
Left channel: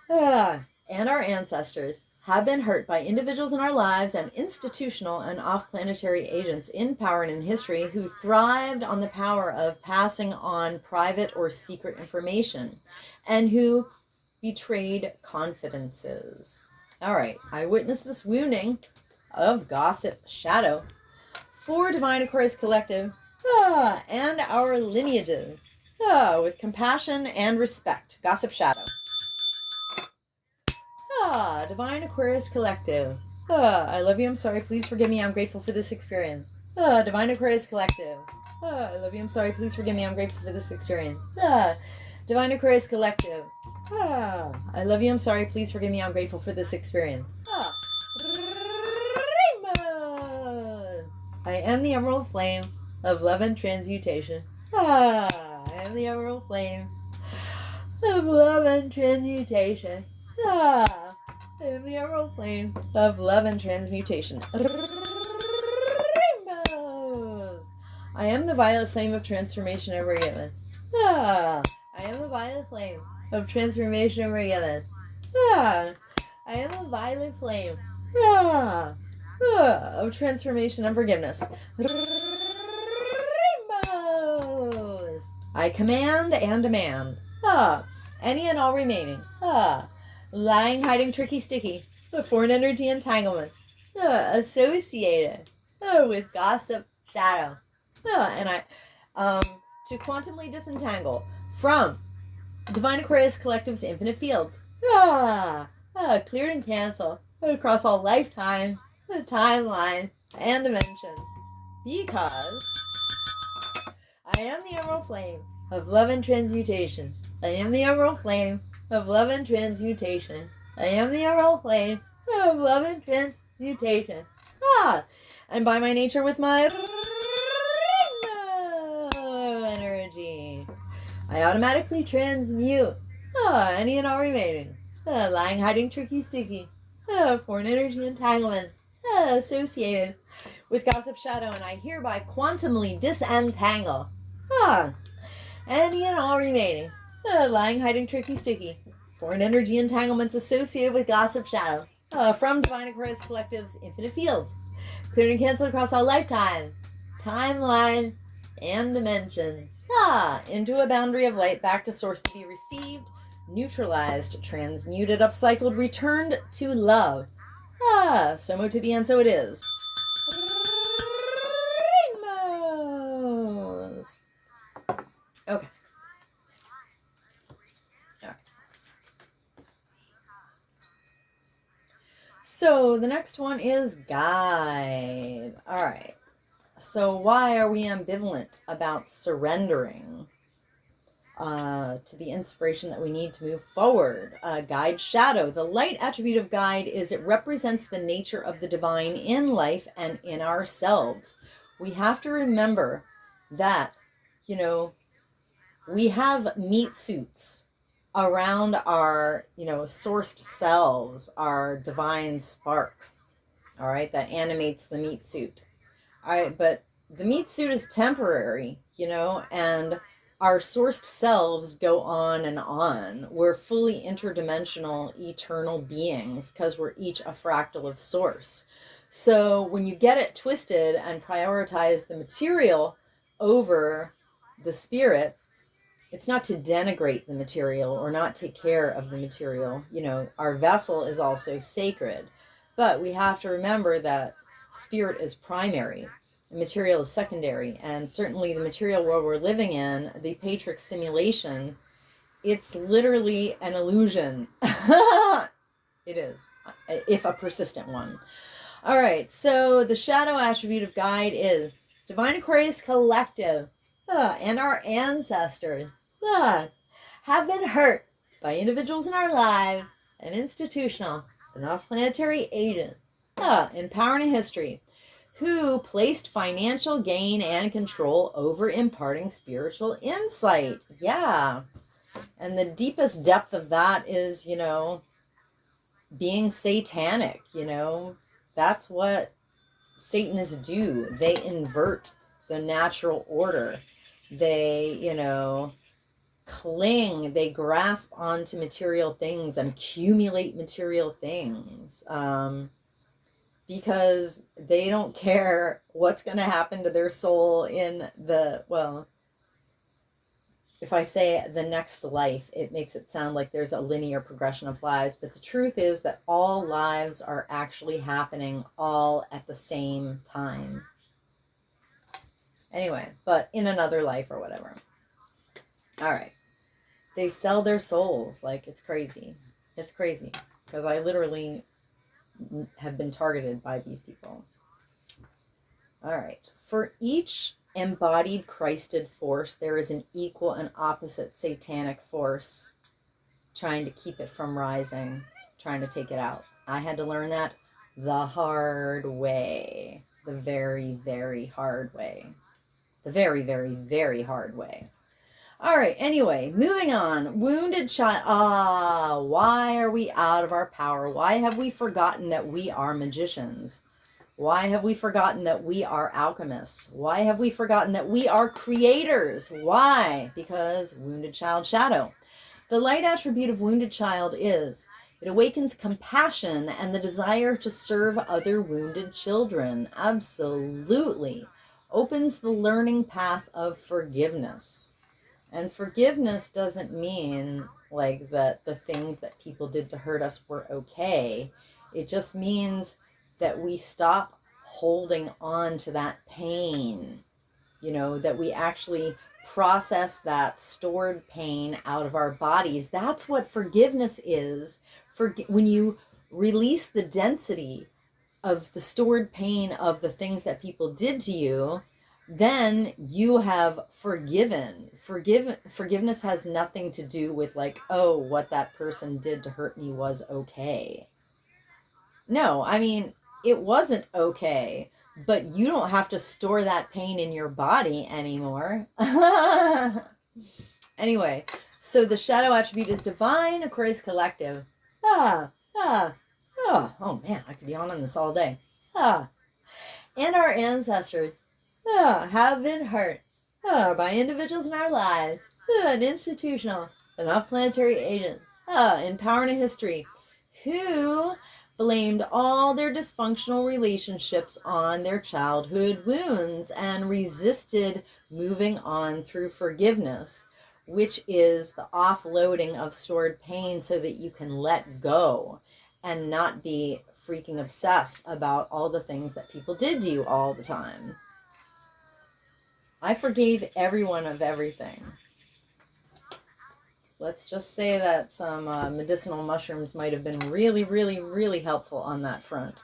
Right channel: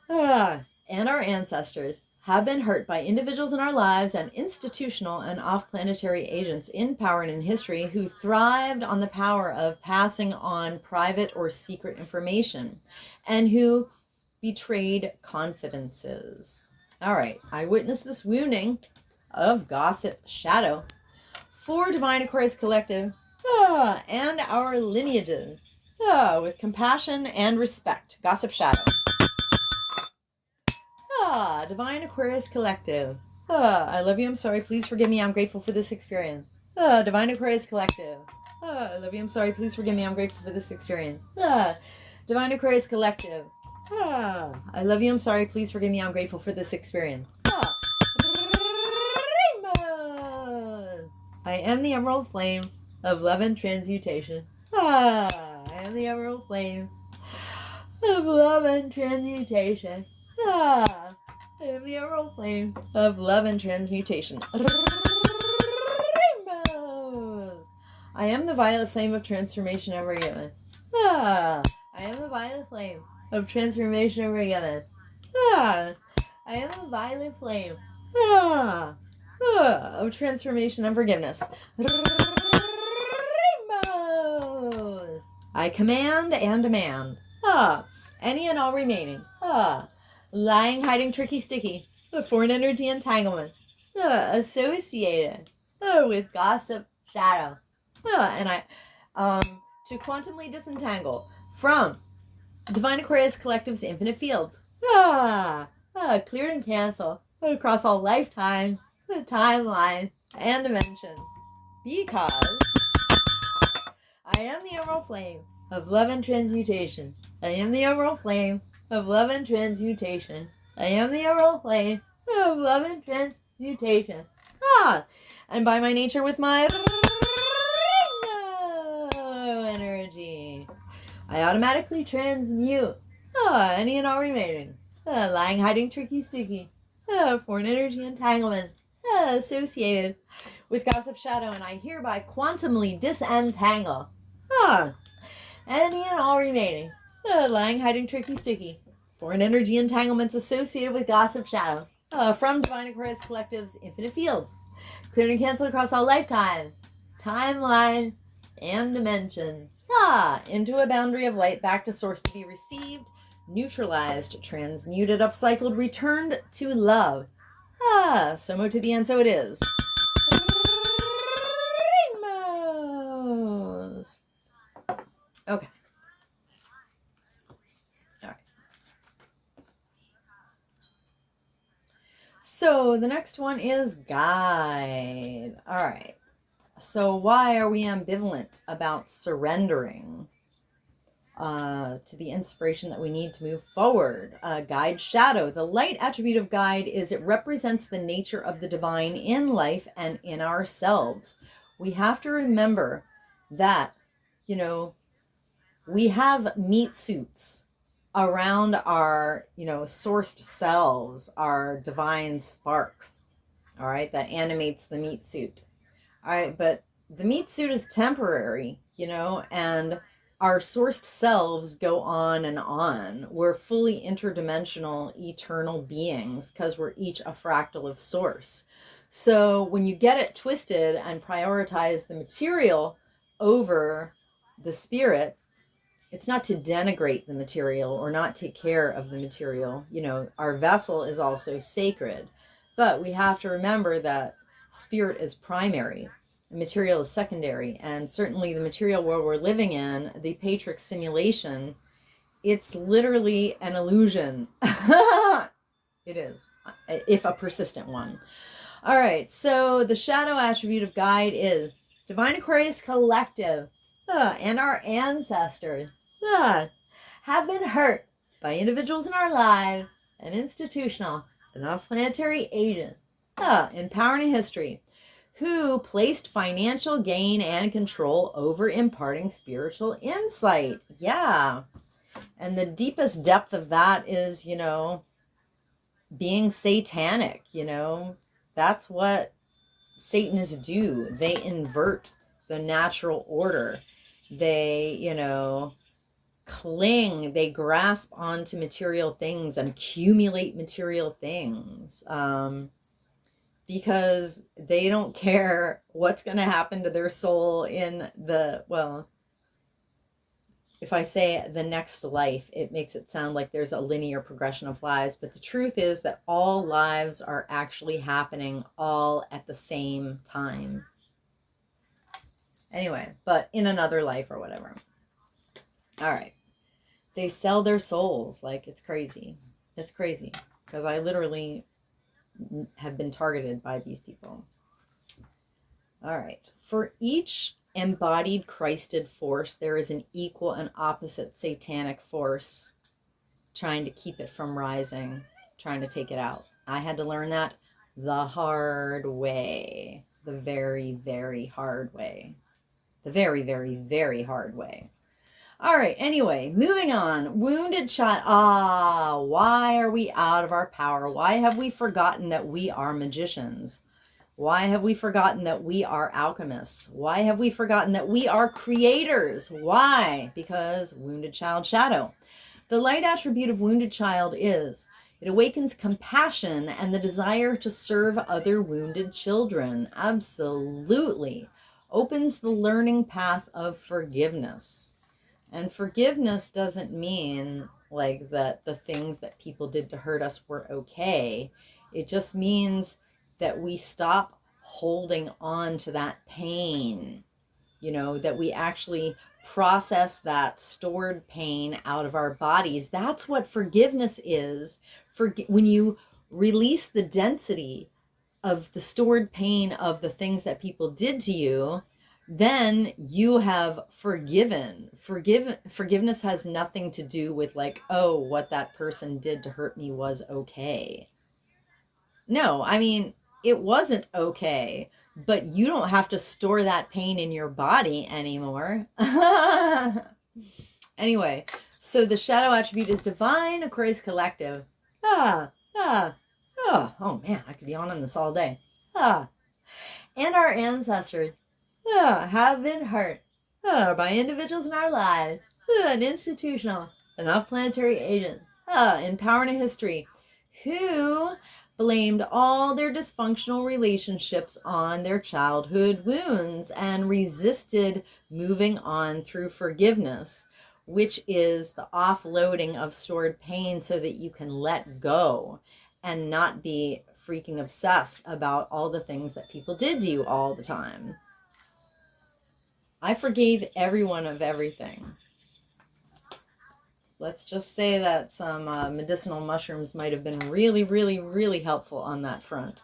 and our ancestors have been hurt by individuals in our lives and institutional and off-planetary agents in power and in history who thrived on the power of passing on private or secret information and who betrayed confidences. All right, I witnessed this wounding of gossip shadow for Divine Aquarius Collective and our lineages with compassion and respect. Gossip shadow. Divine Aquarius Collective. I love you. I'm sorry. Please forgive me. I'm grateful for this experience. Divine Aquarius Collective. I love you. I'm sorry. Please forgive me. I'm grateful for this experience. Divine Aquarius Collective. I love you. I'm sorry. Please forgive me. I'm grateful for this experience. I am the emerald flame of love and transmutation. I am the emerald flame of love and transmutation. I am the emerald flame of love and transmutation. Rainbows. I am the violet flame of transformation ever given. I am the violet flame of transformation ever given. I am the violet flame of transformation and forgiveness. Rainbows. I command and demand. Any and all remaining. Lying, hiding, tricky, sticky. Foreign energy entanglement. Associated with gossip shadow. And I to quantumly disentangle from Divine Aquarius Collective's infinite fields. Cleared and canceled across all lifetimes, timelines, and dimensions. Because I am the emerald flame of love and transmutation. I am the emerald flame of love and transmutation. I am the emerald flame of love and transmutation. And by my nature with my energy, I automatically transmute any and all remaining lying, hiding, tricky, sticky foreign energy entanglement associated with gossip shadow, and I hereby quantumly disentangle any and all remaining lying, hiding, tricky, sticky foreign energy entanglements associated with gossip shadow from Divine Aquarius Collective's infinite fields, cleared and canceled across all lifetime, timeline, and dimension, into a boundary of light back to source to be received, neutralized, transmuted, upcycled, returned to love. So mo to be, and so it is. Rainbows. Okay. All right. So the next one is guide. All right. So why are we ambivalent about surrendering to the inspiration that we need to move forward? Guide shadow. The light attribute of guide is it represents the nature of the divine in life and in ourselves. We have to remember that, we have meat suits around our, sourced selves, our divine spark, all right, that animates the meat suit. All right, but the meat suit is temporary, and our sourced selves go on and on. We're fully interdimensional, eternal beings because we're each a fractal of source. So when you get it twisted and prioritize the material over the spirit, it's not to denigrate the material or not take care of the material. Our vessel is also sacred, but we have to remember that spirit is primary, material is secondary, and certainly the material world we're living in, the Patriarchal simulation, it's literally an illusion. It is, if a persistent one. All right, so the shadow attribute of guide is Divine Aquarius Collective and our ancestors have been hurt by individuals in our lives and institutional and off-planetary agents in power and in history who placed financial gain and control over imparting spiritual insight. Yeah. And the deepest depth of that is, being satanic, that's what Satanists do. They invert the natural order. They, cling, they grasp onto material things and accumulate material things. Because they don't care what's going to happen to their soul in if I say the next life, it makes it sound like there's a linear progression of lives. But the truth is that all lives are actually happening all at the same time. Anyway, but in another life or whatever. All right. They sell their souls like it's crazy. It's crazy because I literally have been targeted by these people. All right. For each embodied Christed force, there is an equal and opposite satanic force trying to keep it from rising, trying to take it out. I had to learn that the hard way, the very, very hard way, the very, very, very hard way. All right, anyway, moving on. Wounded child. Why are we out of our power? Why have we forgotten that we are magicians? Why have we forgotten that we are alchemists? Why have we forgotten that we are creators? Why? Because wounded child shadow. The light attribute of wounded child is it awakens compassion and the desire to serve other wounded children. Absolutely. Opens the learning path of forgiveness. And forgiveness doesn't mean like that the things that people did to hurt us were okay. It just means that we stop holding on to that pain, that we actually process that stored pain out of our bodies. That's what forgiveness is. When you release the density of the stored pain of the things that people did to you, then you have forgiven. Forgiveness has nothing to do with like, oh, what that person did to hurt me was okay. No, I mean, it wasn't okay, but you don't have to store that pain in your body anymore. Anyway, so the shadow attribute is divine, Aquarius collective. Oh man, I could yawn on this all day. And our ancestors have been hurt by individuals in our lives, and institutional and off-planetary agents in power and history who blamed all their dysfunctional relationships on their childhood wounds and resisted moving on through forgiveness, which is the offloading of stored pain so that you can let go and not be freaking obsessed about all the things that people did to you all the time. I forgave everyone of everything. Let's just say that some medicinal mushrooms might have been really, really, really helpful on that front.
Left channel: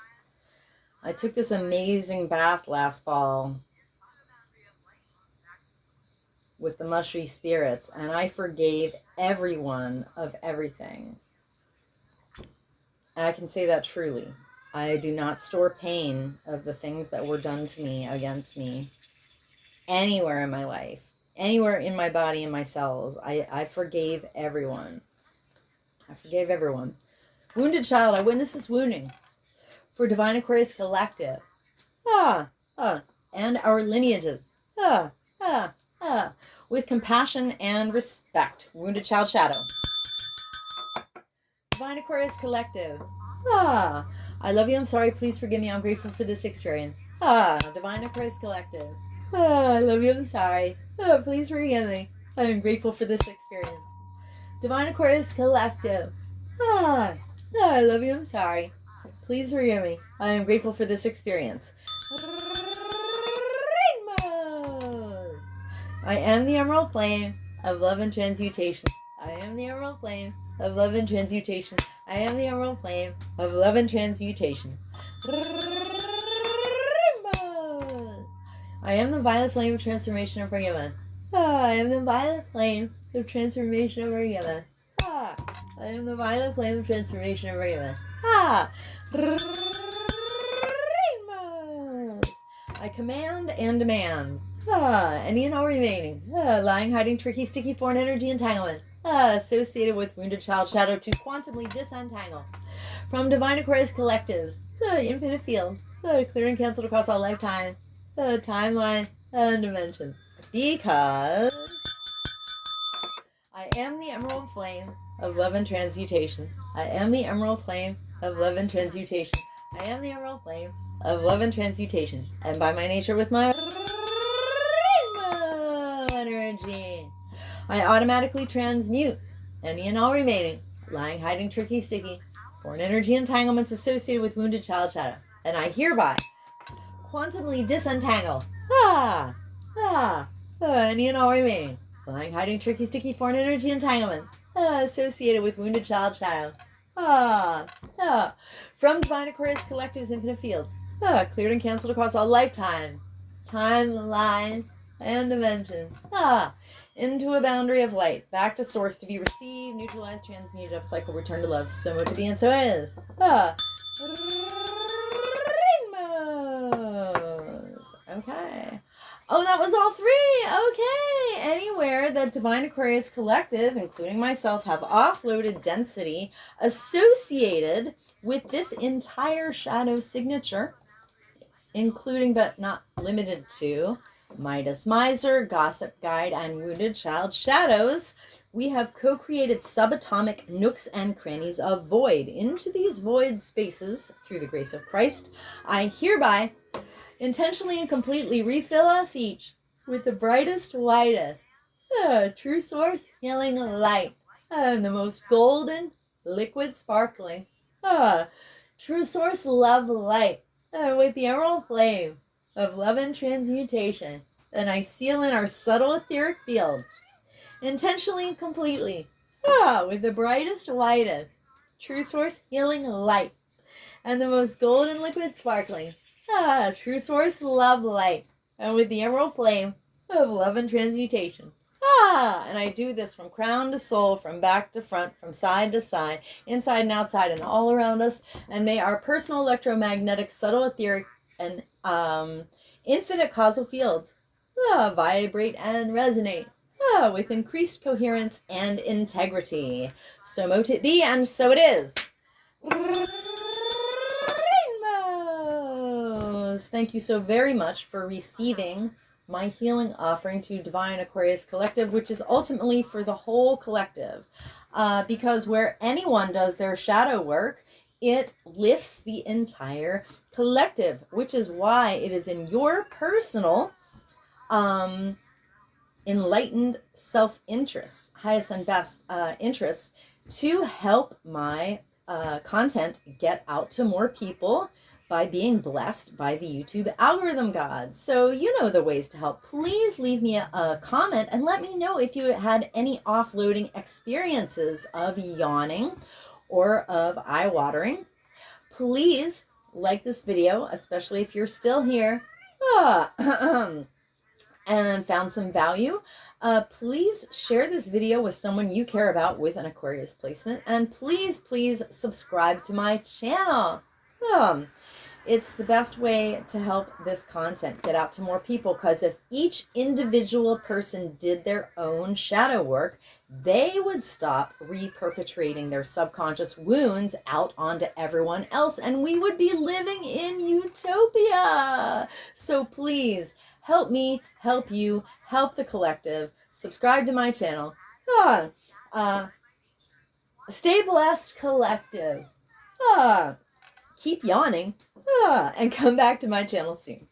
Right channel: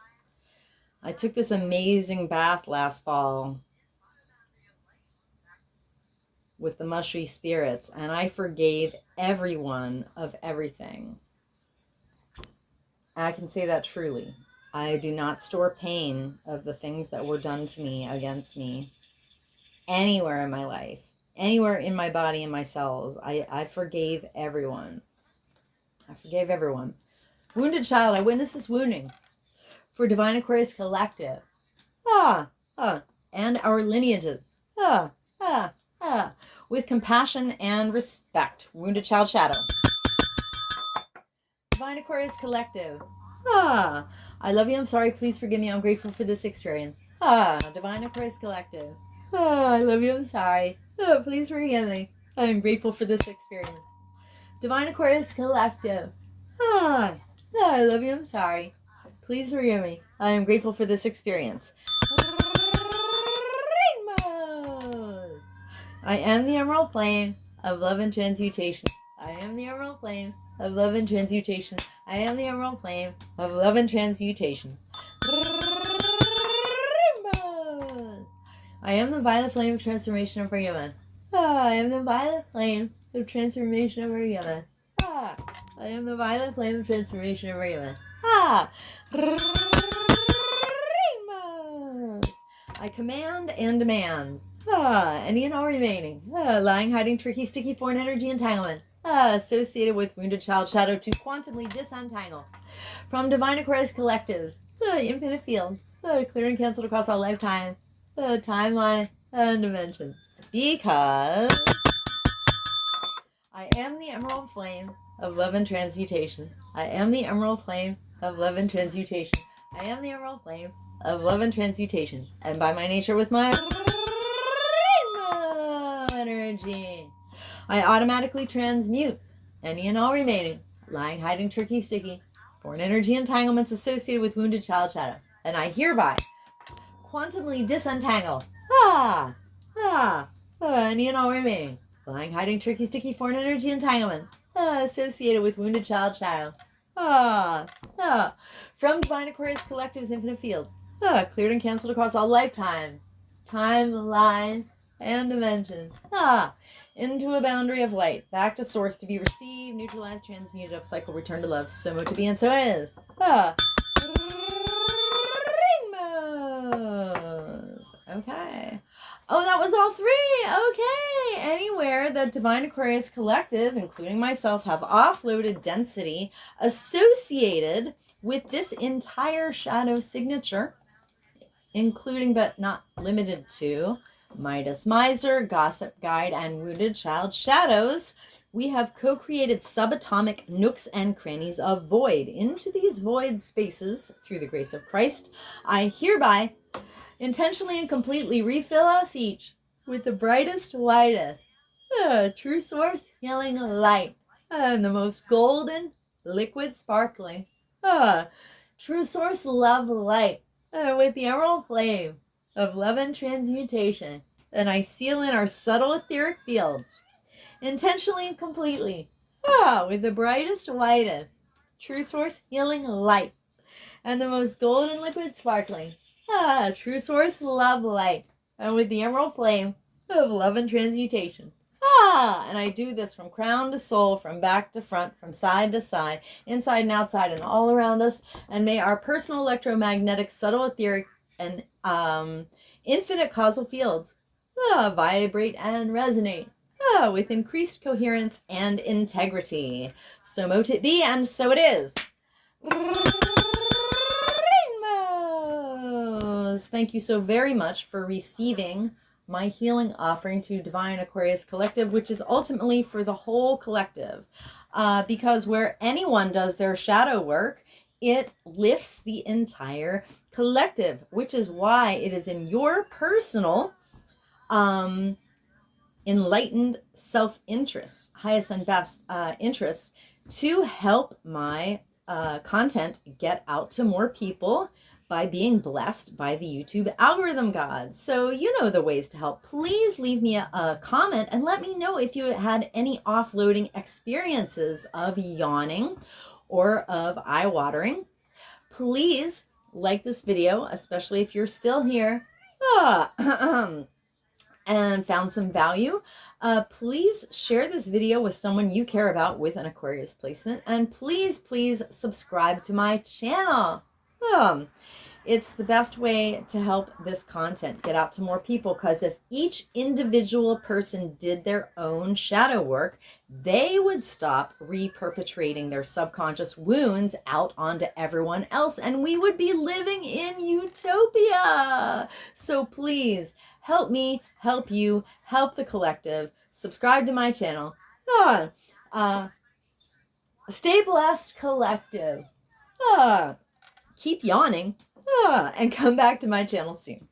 I took this amazing bath last fall with the mushy spirits, and I forgave everyone of everything. And I can say that truly. I do not store pain of the things that were done to me, against me, anywhere in my life, anywhere in my body, in my cells. I forgave everyone. I forgave everyone. Wounded child, I witness this wounding for Divine Aquarius Collective. And our lineages. With compassion and respect. Wounded child shadow. Divine Aquarius Collective. I love you. I'm sorry. Please forgive me. I'm grateful for this experience. Divine Aquarius Collective. I love you. I'm sorry. Please forgive me. I am grateful for this experience. Divine Aquarius Collective. I love you. I'm sorry. Please forgive me. I am grateful for this experience. Rainbows. I am the emerald flame of love and transmutation. I am the emerald flame of love and transmutation. I am the emerald flame of love and transmutation. Rainbows. I am the violet flame of transformation and forgiveness. I am the violet flame of transformation and forgiveness. I am the violet flame of transformation and forgiveness. Rainbows. I command and demand any and all remaining lying, hiding, tricky, sticky foreign energy entanglement associated with wounded child shadow to quantumly disentangle from divine Aquarius collectives, infinite field, clear and canceled across all lifetime, timeline, and dimensions. Because I am the emerald flame of love and transmutation. I am the emerald flame of love and transmutation. I am the emerald flame of love and transmutation. And by my nature, with my energy, I automatically transmute any and all remaining lying, hiding, tricky, sticky foreign energy entanglements associated with wounded child shadow. And I hereby quantumly disentangle any and all remaining lying, hiding, tricky, sticky foreign energy entanglement associated with wounded child shadow from divine Aquarius collective's infinite field, cleared and canceled across all lifetime, timeline, and dimension, into a boundary of light, back to source to be received, neutralized, transmuted, upcycled, returned to love, so to be, and so is. Rainbows. Okay. Oh, that was all three. Okay. Anywhere that Divine Aquarius Collective, including myself, have offloaded density associated with this entire shadow signature, including but not limited to Midas Miser, Gossip Guide, and Wounded Child Shadows, we have co-created subatomic nooks and crannies of void. Into these void spaces, through the grace of Christ, I hereby intentionally and completely refill us each with the brightest, lightest, true source, healing light, and the most golden, liquid, sparkling, true source, love light, with the emerald flame of love and transmutation. And I seal in our subtle etheric fields, intentionally and completely, with the brightest, lightest, true source, healing light, and the most golden, liquid, sparkling, true source, love light, and with the emerald flame of love and transmutation. And I do this from crown to sole, from back to front, from side to side, inside and outside, and all around us. And may our personal electromagnetic, subtle, etheric, and infinite causal fields vibrate and resonate with increased coherence and integrity. So mote it be, and so it is. Rainbows. Thank you so very much for receiving my healing offering to Divine Aquarius Collective, which is ultimately for the whole collective. Because where anyone does their shadow work, it lifts the entire collective, which is why it is in your personal enlightened self-interest, highest and best interests, to help my content get out to more people by being blessed by the YouTube algorithm gods. So you know the ways to help. Please leave me a comment and let me know if you had any offloading experiences of yawning or of eye watering. Please like this video, especially if you're still here and found some value. Please share this video with someone you care about with an Aquarius placement. And please, please subscribe to my channel. It's the best way to help this content get out to more people, because if each individual person did their own shadow work, they would stop reperpetrating their subconscious wounds out onto everyone else, and we would be living in utopia. So please help me, help you, help the collective. Subscribe to my channel. Stay blessed, collective. Keep yawning. And come back to my channel soon.